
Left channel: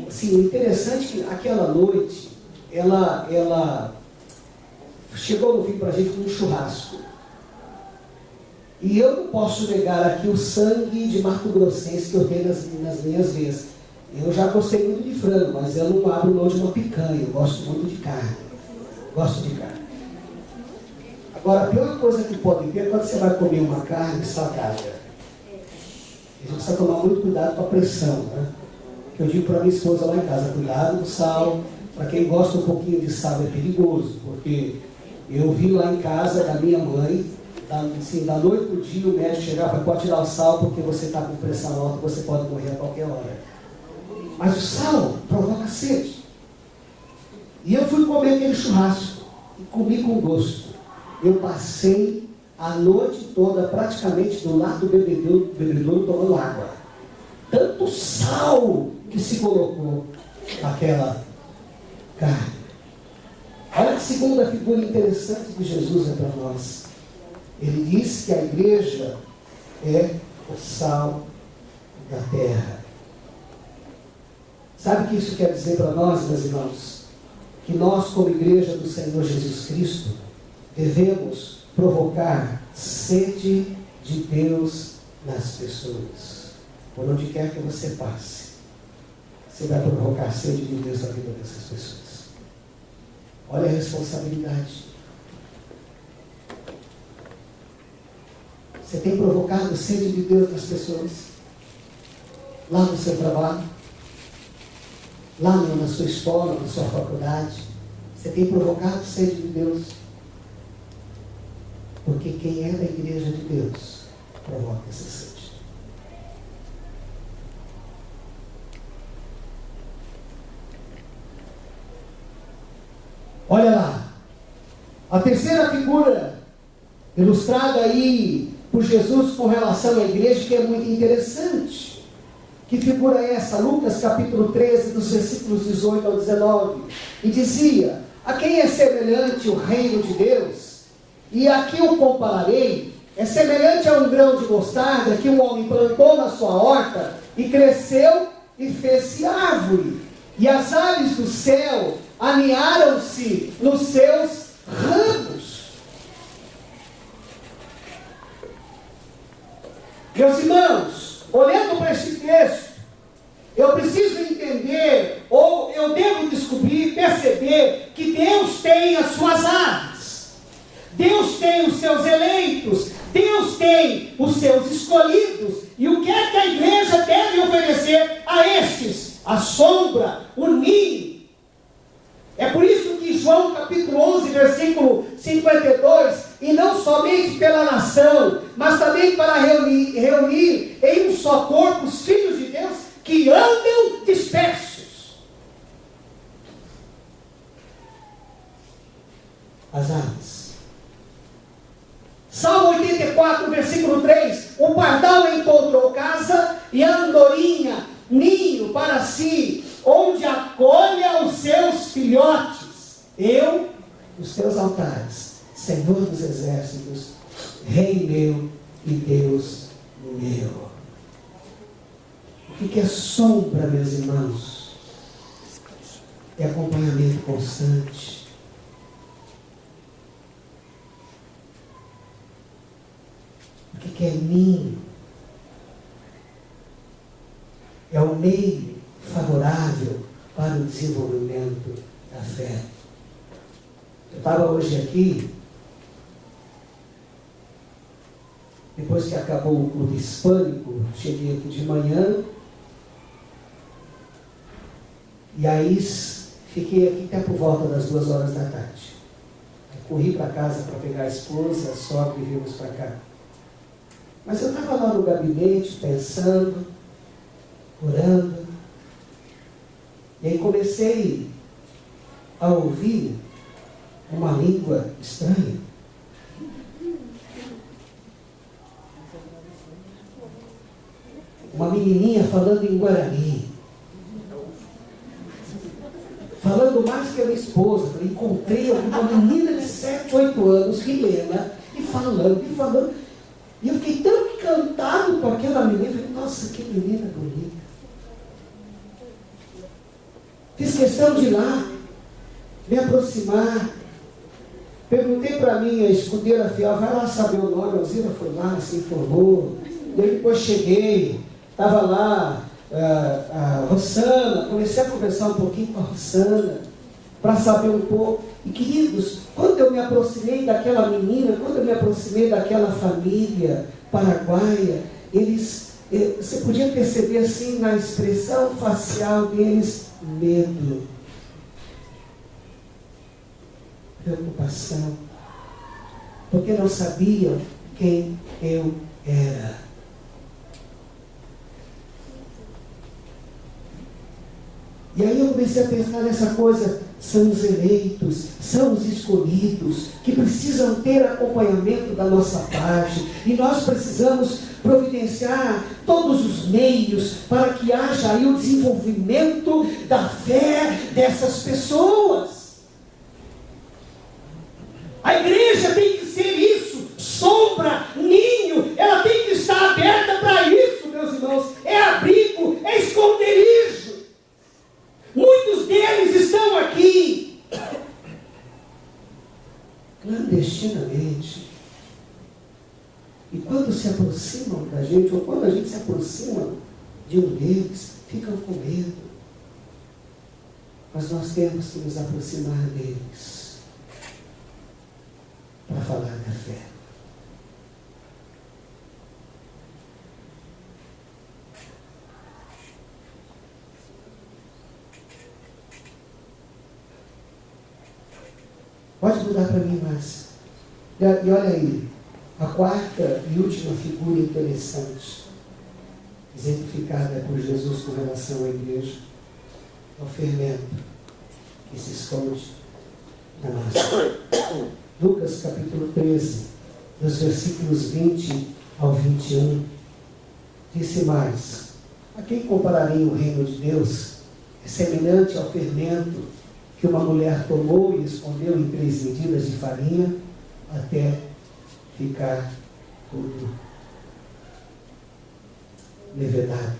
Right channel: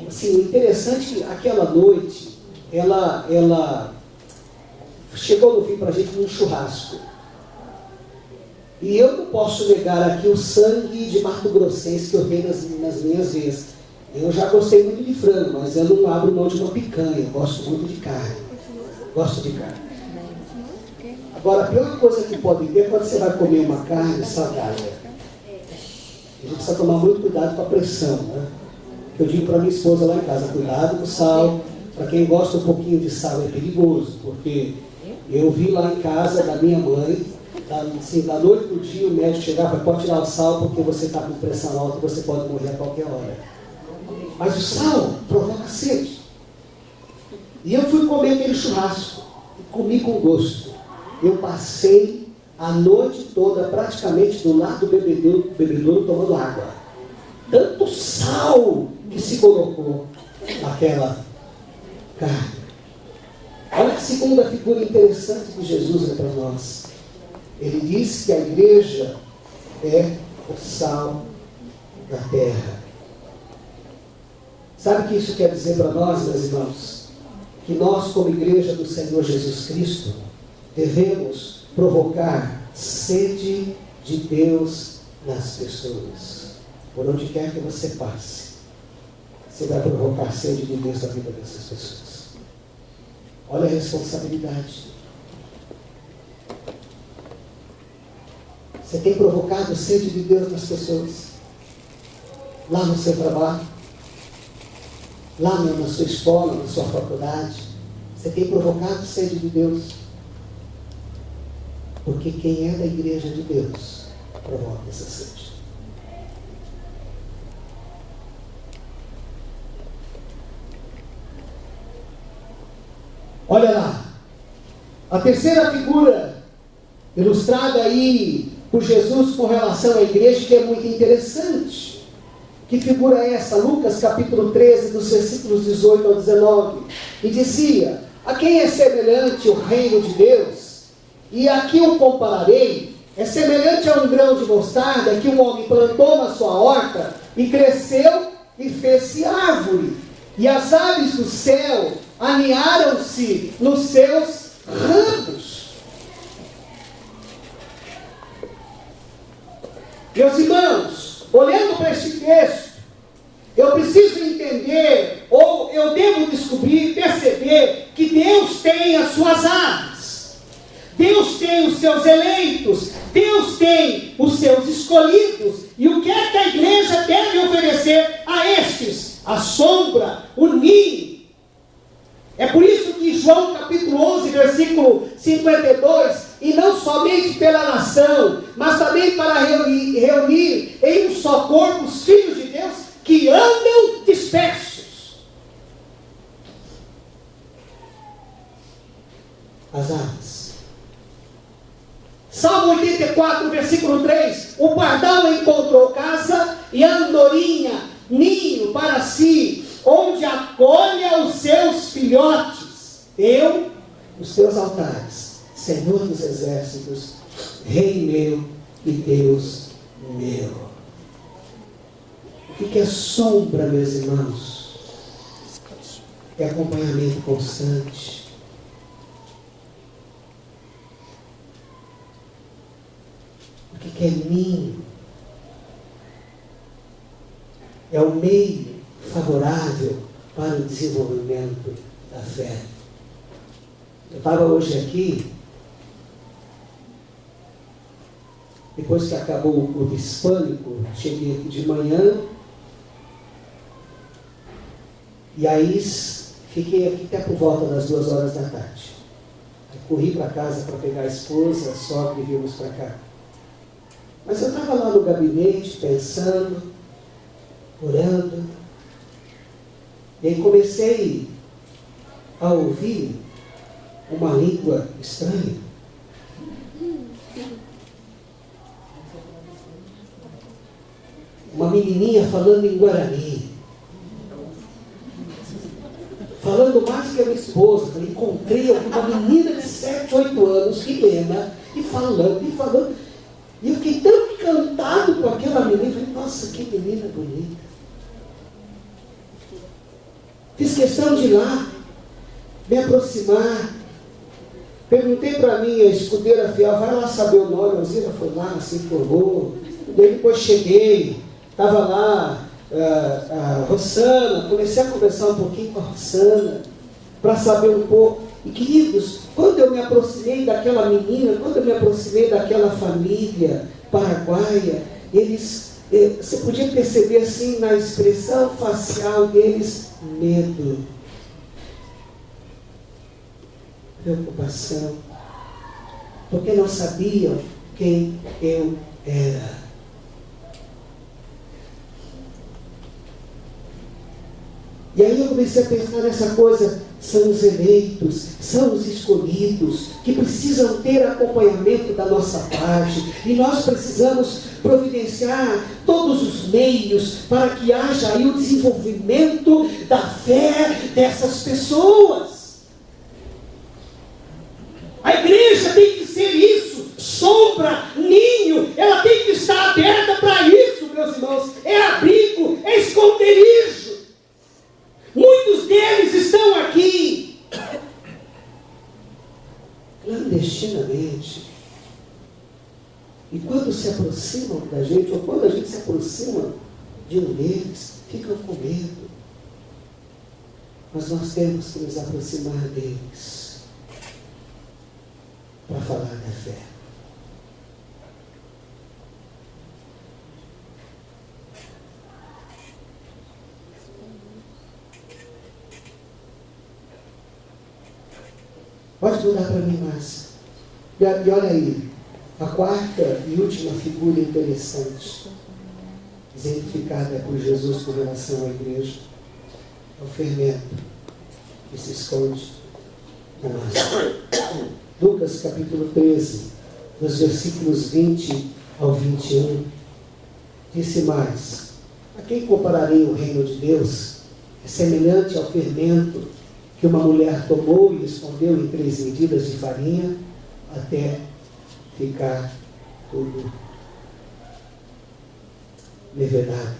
assim, o interessante é que aquela noite, ela chegou no fim para a gente num churrasco. E eu não posso negar aqui o sangue de Mato Grossense que eu tenho nas minhas veias. Eu já gostei muito de frango, mas eu não abro mão de uma picanha, eu gosto muito de carne. Gosto de carne. Agora, a pior coisa que pode ter é quando você vai comer uma carne salgada. A gente precisa tomar muito cuidado com a pressão, né? Eu digo para minha esposa lá em casa, cuidado com o sal. Para quem gosta um pouquinho de sal é perigoso, porque eu vi lá em casa da minha mãe, assim, da noite pro dia o médico chegava, pode tirar o sal porque você está com pressão alta, você pode morrer a qualquer hora. Mas o sal provoca sede. E eu fui comer aquele churrasco, e comi com gosto. Eu passei a noite toda praticamente do lado do bebedouro tomando água. Tanto sal que se colocou naquela carne. Olha que segunda figura interessante de Jesus é para nós. Ele diz que a igreja é o sal da terra. Sabe o que isso quer dizer para nós, meus irmãos? Que nós, como igreja do Senhor Jesus Cristo, devemos provocar sede de Deus nas pessoas. Por onde quer que você passe, você vai provocar sede de Deus na vida dessas pessoas. Olha a responsabilidade. Você tem provocado sede de Deus nas pessoas? Lá no seu trabalho? Lá na sua escola, na sua faculdade? Você tem provocado sede de Deus? Porque quem é da igreja de Deus provoca essa sede. Olha lá, a terceira figura ilustrada aí por Jesus com relação à igreja, que é muito interessante. Que figura é essa? Lucas capítulo 13, dos versículos 18 ao 19. E dizia: a quem é semelhante o reino de Deus? E aqui o compararei, é semelhante a um grão de mostarda que um homem plantou na sua horta e cresceu e fez-se árvore. E as aves do céu aninharam-se nos seus ramos. Meus irmãos, olhando para este texto, eu preciso entender, ou eu devo descobrir, perceber, que Deus tem as suas aves. Deus tem os seus eleitos, Deus tem os seus escolhidos, e o que é que a igreja deve oferecer a estes? A sombra, o ninho. É por isso que João capítulo 11, versículo 52, e não somente pela nação, mas também para reunir em um só corpo os filhos de Deus que andam dispersos. As aves. Salmo 84, versículo 3, o pardal encontrou casa e a andorinha ninho para si, onde acolha os seus filhotes. Eu, os teus altares, Senhor dos exércitos, Rei meu e Deus meu. O que é sombra, meus irmãos? É acompanhamento constante. O que é ninho? É o meio favorável para o desenvolvimento da fé. Eu estava hoje aqui, depois que acabou o culto hispânico, cheguei aqui de manhã, e aí fiquei aqui até por volta das 2 horas da tarde. Eu corri para casa para pegar a esposa, a sogra, e viemos para cá. Mas eu estava lá no gabinete, pensando, orando, e aí comecei a ouvir uma língua estranha. Uma menininha falando em Guarani. Falando mais que minha esposa, falei, encontrei uma menina de 7, 8 anos, Helena, e falando. E eu fiquei tão encantado com aquela menina, falei, nossa, que menina bonita. Fiz questão de ir lá, me aproximar. Perguntei para mim, a escudeira fiel, vai lá saber o nome. A Alzira foi lá, se informou. E aí depois cheguei, estava lá a Rossana, comecei a conversar um pouquinho com a Rossana, para saber um pouco. E queridos, quando eu me aproximei daquela menina, quando eu me aproximei daquela família paraguaia, eles, você podia perceber assim na expressão facial deles, medo, preocupação, porque não sabiam quem eu era. E aí eu comecei a pensar nessa coisa, são os eleitos, são os escolhidos, que precisam ter acompanhamento da nossa parte, e nós precisamos providenciar todos os meios para que haja aí o desenvolvimento da fé dessas pessoas. A igreja tem que ser isso, sombra, ninho, ela tem que estar aberta para isso, meus irmãos, é abrigo, é esconderijo. Muitos deles estão aqui clandestinamente. E quando se aproximam da gente, ou quando a gente se aproxima de um deles, ficam com medo. Mas nós temos que nos aproximar deles para falar da fé. Pode mudar para mim, Márcia. E olha aí, a quarta e última figura interessante, exemplificada por Jesus com relação à igreja, é o fermento que se esconde na nossa. Lucas capítulo 13, dos versículos 20 ao 21, disse mais: a quem compararei o reino de Deus? É semelhante ao fermento que uma mulher tomou e escondeu em 3 medidas de farinha até ficar tudo levedado.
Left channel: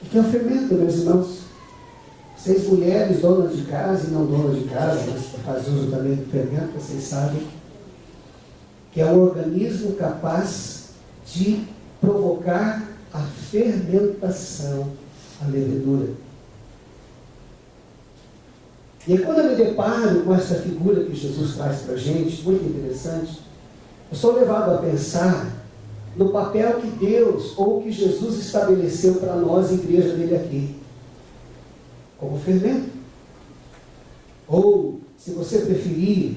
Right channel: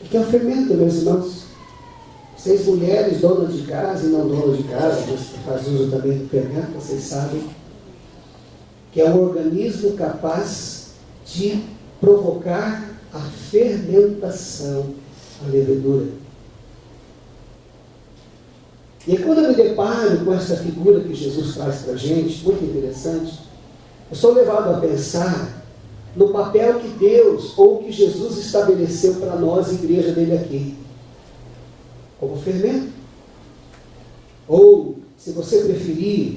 O que é o fermento, meus irmãos? 6 mulheres, donas de casa e não donas de casa, mas que fazem uso também do fermento, vocês sabem, que é um organismo capaz de provocar a fermentação, a levedura. E quando eu me deparo com essa figura que Jesus traz para a gente, muito interessante, eu sou levado a pensar no papel que Deus, ou que Jesus estabeleceu para nós, igreja dele aqui, como fermento. Ou, se você preferir,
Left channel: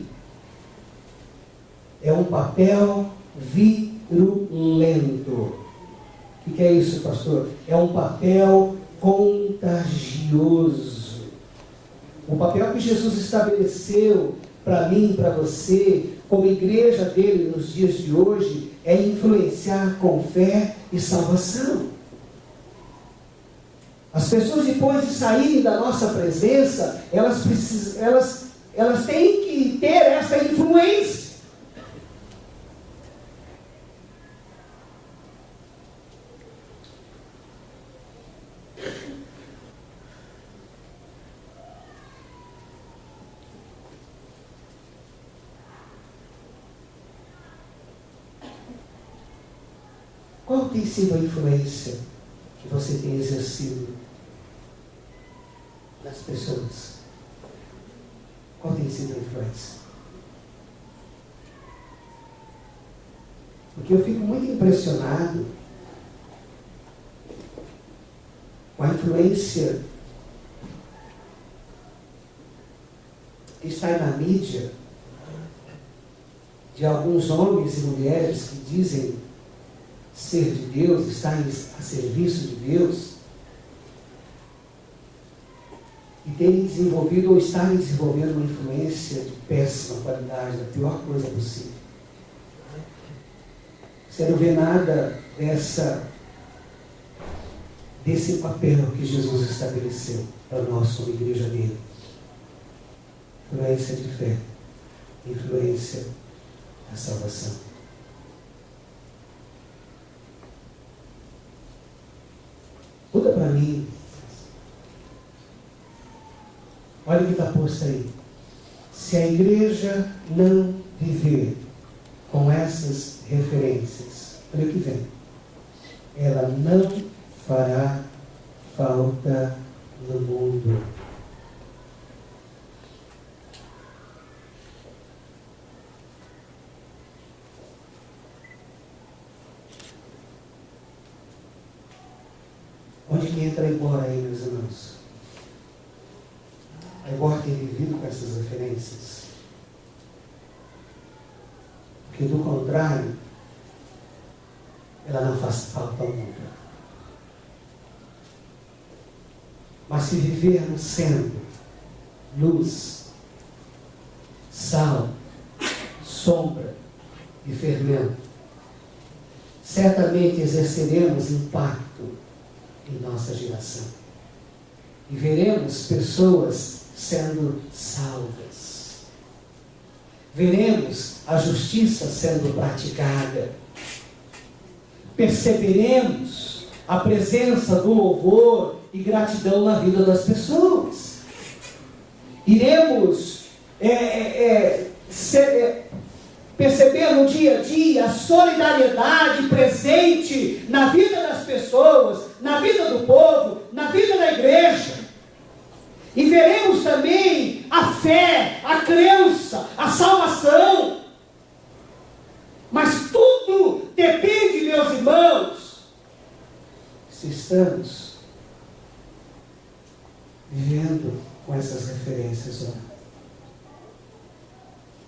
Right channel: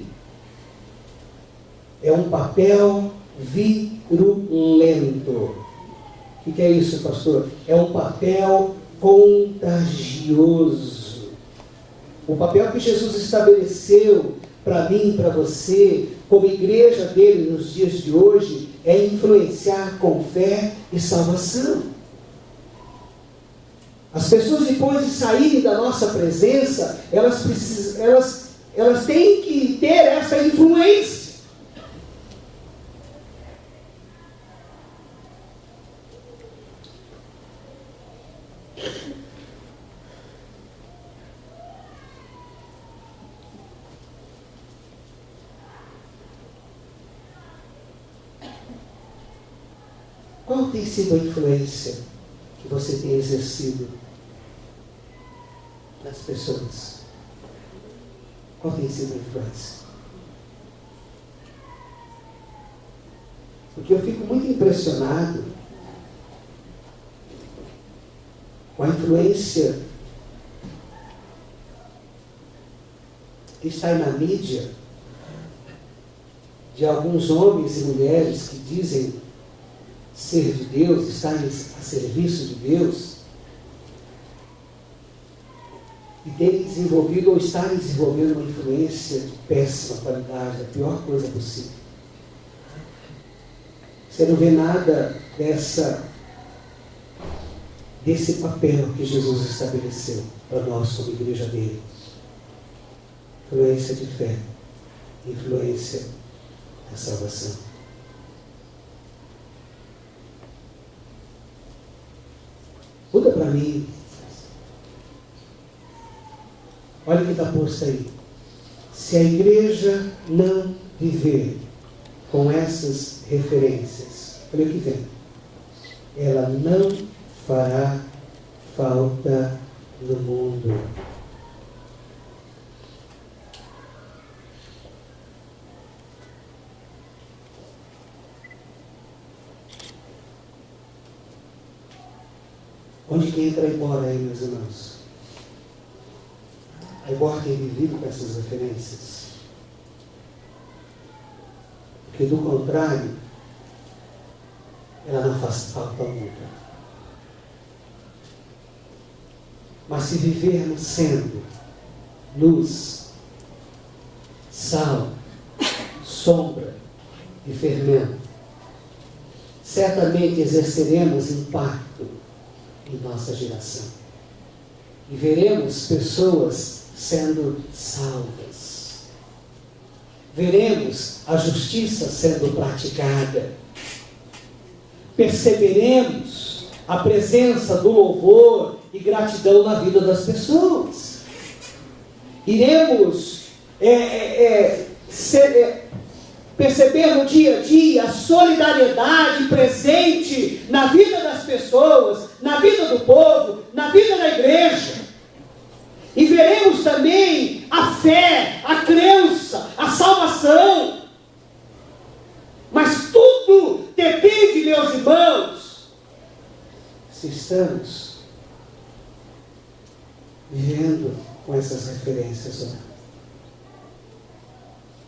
é um papel virulento. O que é isso, pastor? É um papel contagioso. O papel que Jesus estabeleceu para mim, para você, como igreja dele nos dias de hoje, é influenciar com fé e salvação. As pessoas, depois de saírem da nossa presença, elas têm que ter essa influência. Qual tem sido a influência que você tem exercido nas pessoas? Qual tem sido a influência? Porque eu fico muito impressionado com a influência que está aí na mídia de alguns homens e mulheres que dizem ser de Deus, estar a serviço de Deus, e terem desenvolvido ou estarem desenvolvendo uma influência de péssima qualidade, a pior coisa possível. Você não vê nada desse papel que Jesus estabeleceu para nós como igreja dele. influência de fé, influência da salvação. Muda para mim. Olha o que está posto aí. Se a igreja não viver com essas referências, olha o que vem. Ela não fará falta no mundo. Onde que entra a embora aí, meus irmãos? A embora ter vivido com essas referências. Porque do contrário, ela não faz falta nunca. Mas se vivermos sendo luz, sal, sombra e fermento, certamente exerceremos impacto em nossa geração. E veremos pessoas sendo salvas. Veremos a justiça sendo praticada. Perceberemos a presença do louvor e gratidão na vida das pessoas. Iremos perceber no dia a dia a solidariedade presente na vida das pessoas, na vida do povo, na vida da igreja. E veremos também a fé, a crença, a salvação. Mas tudo depende, meus irmãos, se estamos vivendo com essas referências lá.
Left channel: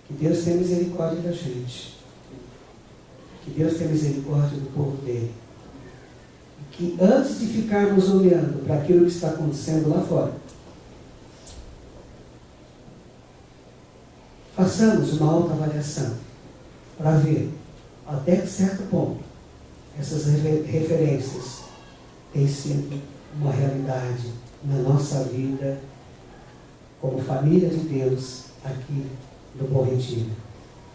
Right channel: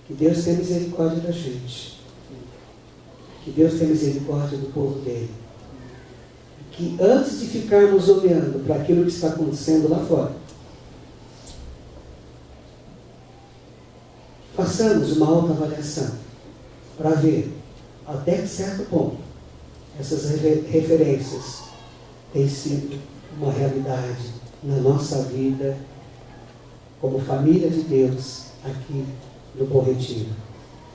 Que Deus tenha misericórdia da gente. Que Deus tenha misericórdia do povo dele. Que antes de ficarmos olhando para aquilo que está acontecendo lá fora, façamos uma autoavaliação para ver até certo ponto essas referências têm sido uma realidade na nossa vida como família de Deus aqui no Bom Retiro,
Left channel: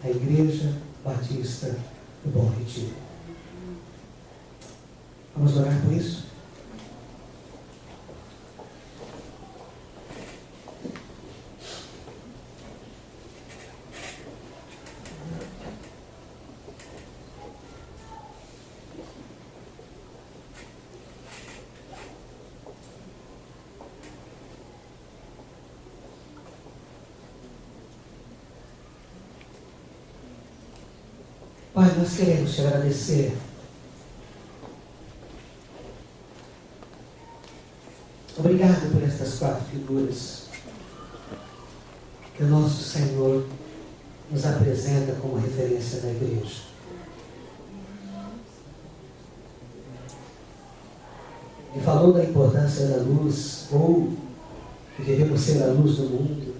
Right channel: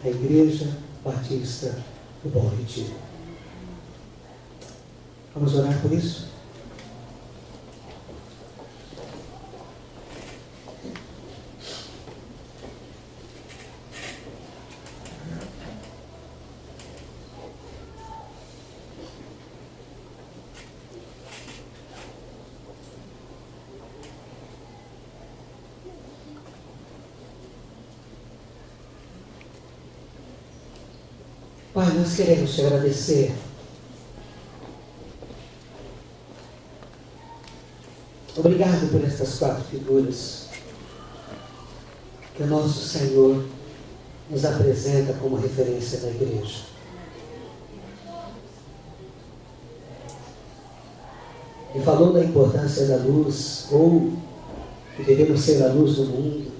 a Igreja Batista do Bom Retiro. Vamos orar por isso? Pai, nós queremos te agradecer. Obrigado por estas 4 figuras que o nosso Senhor nos apresenta como referência da igreja. E falou da importância da luz, ou que devemos ser a luz do mundo.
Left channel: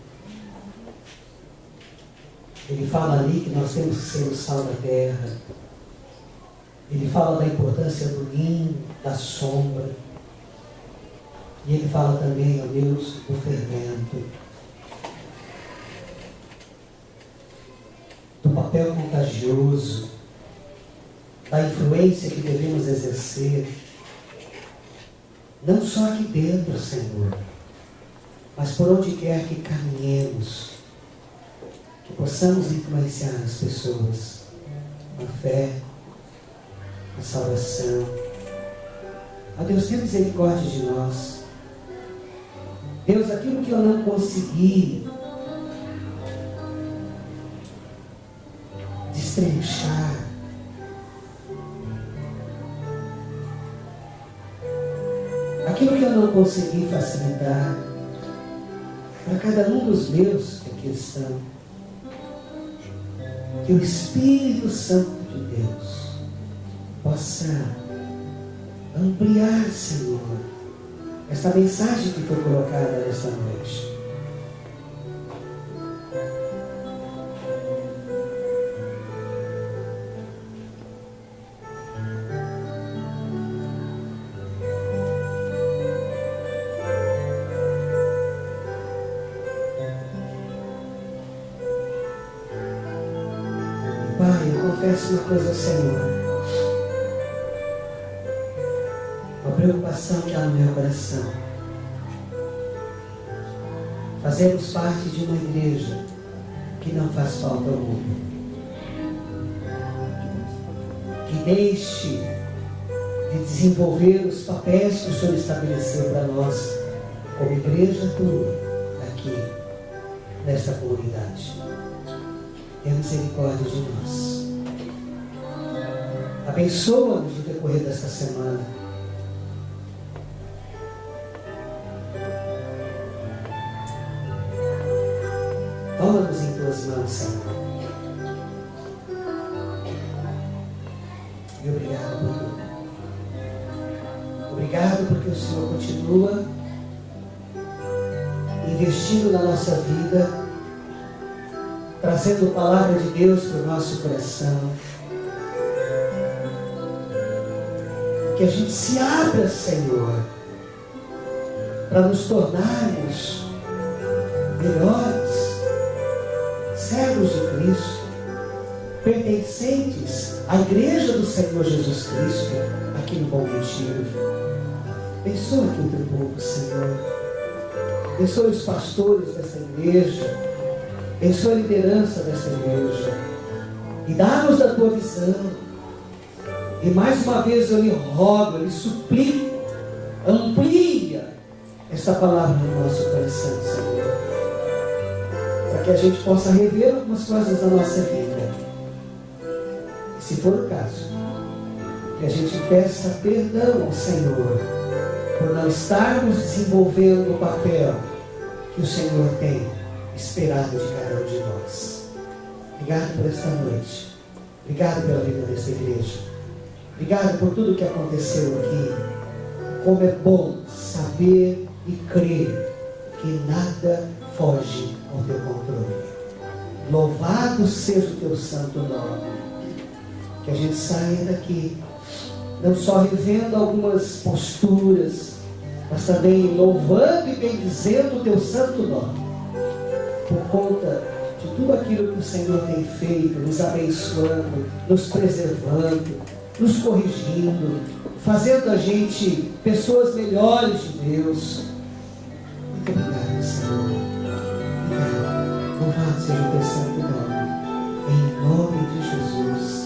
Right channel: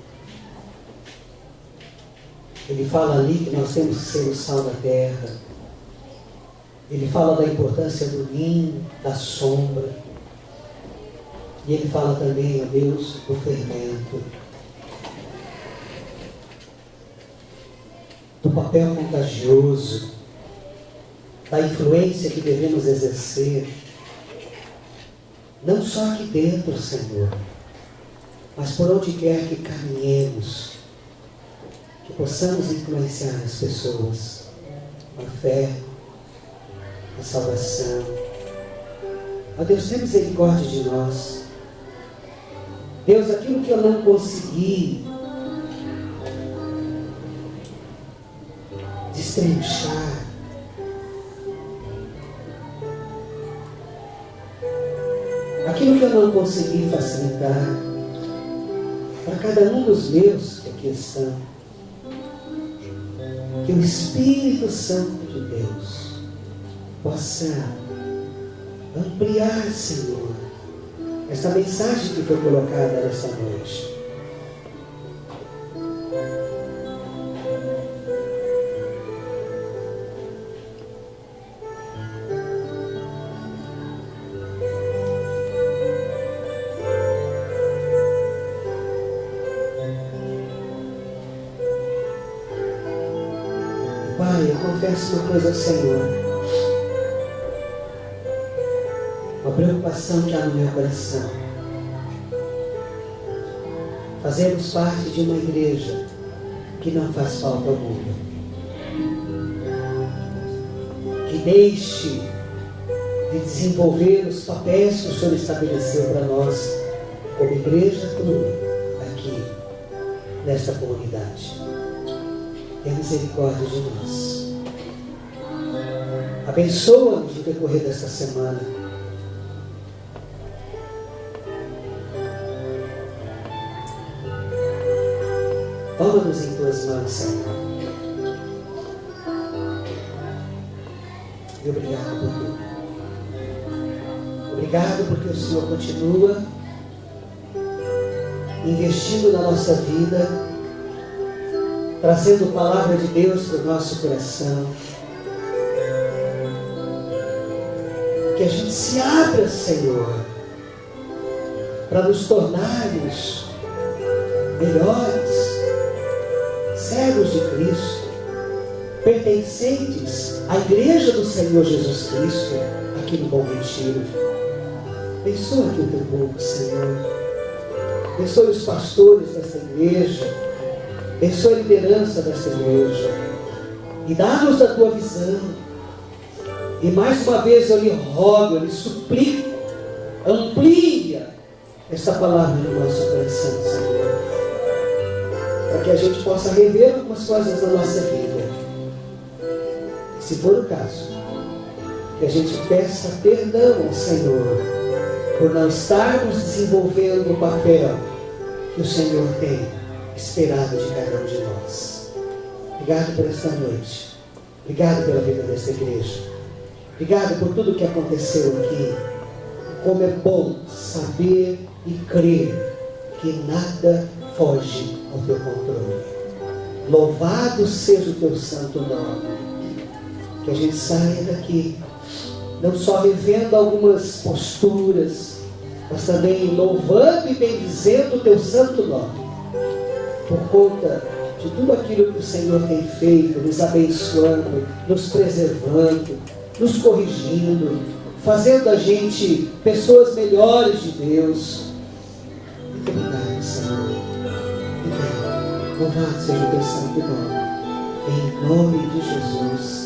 Ele fala ali que nós temos que ser o sal da terra. Ele fala da importância do ninho, da sombra. E ele fala também, ó Deus, do fermento. Do papel contagioso. Da influência que devemos exercer. Não só aqui dentro, Senhor, mas por onde quer que caminhemos. Que possamos influenciar as pessoas, a fé, a salvação. Ó Deus, tenha misericórdia de nós. Deus, aquilo que eu não consegui destrinchar, aquilo que eu não consegui facilitar, para cada um dos meus que aqui estão, que o Espírito Santo de Deus possa ampliar, Senhor, essa mensagem que foi colocada nessa noite. confesso uma coisa ao Senhor. Uma preocupação que há no meu coração. Fazemos parte de uma igreja que não faz falta ao mundo. Que deixe de desenvolver os papéis que o Senhor estabeleceu para nós, como igreja clube, aqui, nesta comunidade. Tenha misericórdia de nós. Abençoa-nos no decorrer desta semana. Toma-nos em tuas mãos, Senhor. E obrigado por tudo. Obrigado porque o Senhor continua investindo na nossa vida, trazendo a palavra de Deus para o nosso coração. Que a gente se abra, Senhor, para nos tornarmos melhores, servos de Cristo, pertencentes à igreja do Senhor Jesus Cristo, aqui no Bom Retiro. Abençoa aqui o teu povo, Senhor. Abençoa os pastores dessa igreja. Abençoa a liderança dessa igreja. E dá-nos a tua visão. E mais uma vez eu lhe rogo, eu lhe suplico, amplia esta palavra no nosso coração, Senhor. Para que a gente possa rever algumas coisas da nossa vida. E se for o caso, que a gente peça perdão ao Senhor por não estarmos desenvolvendo o papel que o Senhor tem esperado de cada um de nós. Obrigado por esta noite. Obrigado pela vida desta igreja. Obrigado por tudo que aconteceu aqui. Como é bom saber e crer que nada foge ao teu controle. Louvado seja o teu santo nome. Que a gente saia daqui não só revendo algumas posturas, mas também louvando e bendizendo o teu santo nome, por conta de tudo aquilo que o Senhor tem feito, nos abençoando, nos preservando, nos corrigindo, fazendo a gente pessoas melhores de Deus. Muito obrigado, Senhor. Obrigado. Louvado seja o teu santo nome. Em nome de Jesus.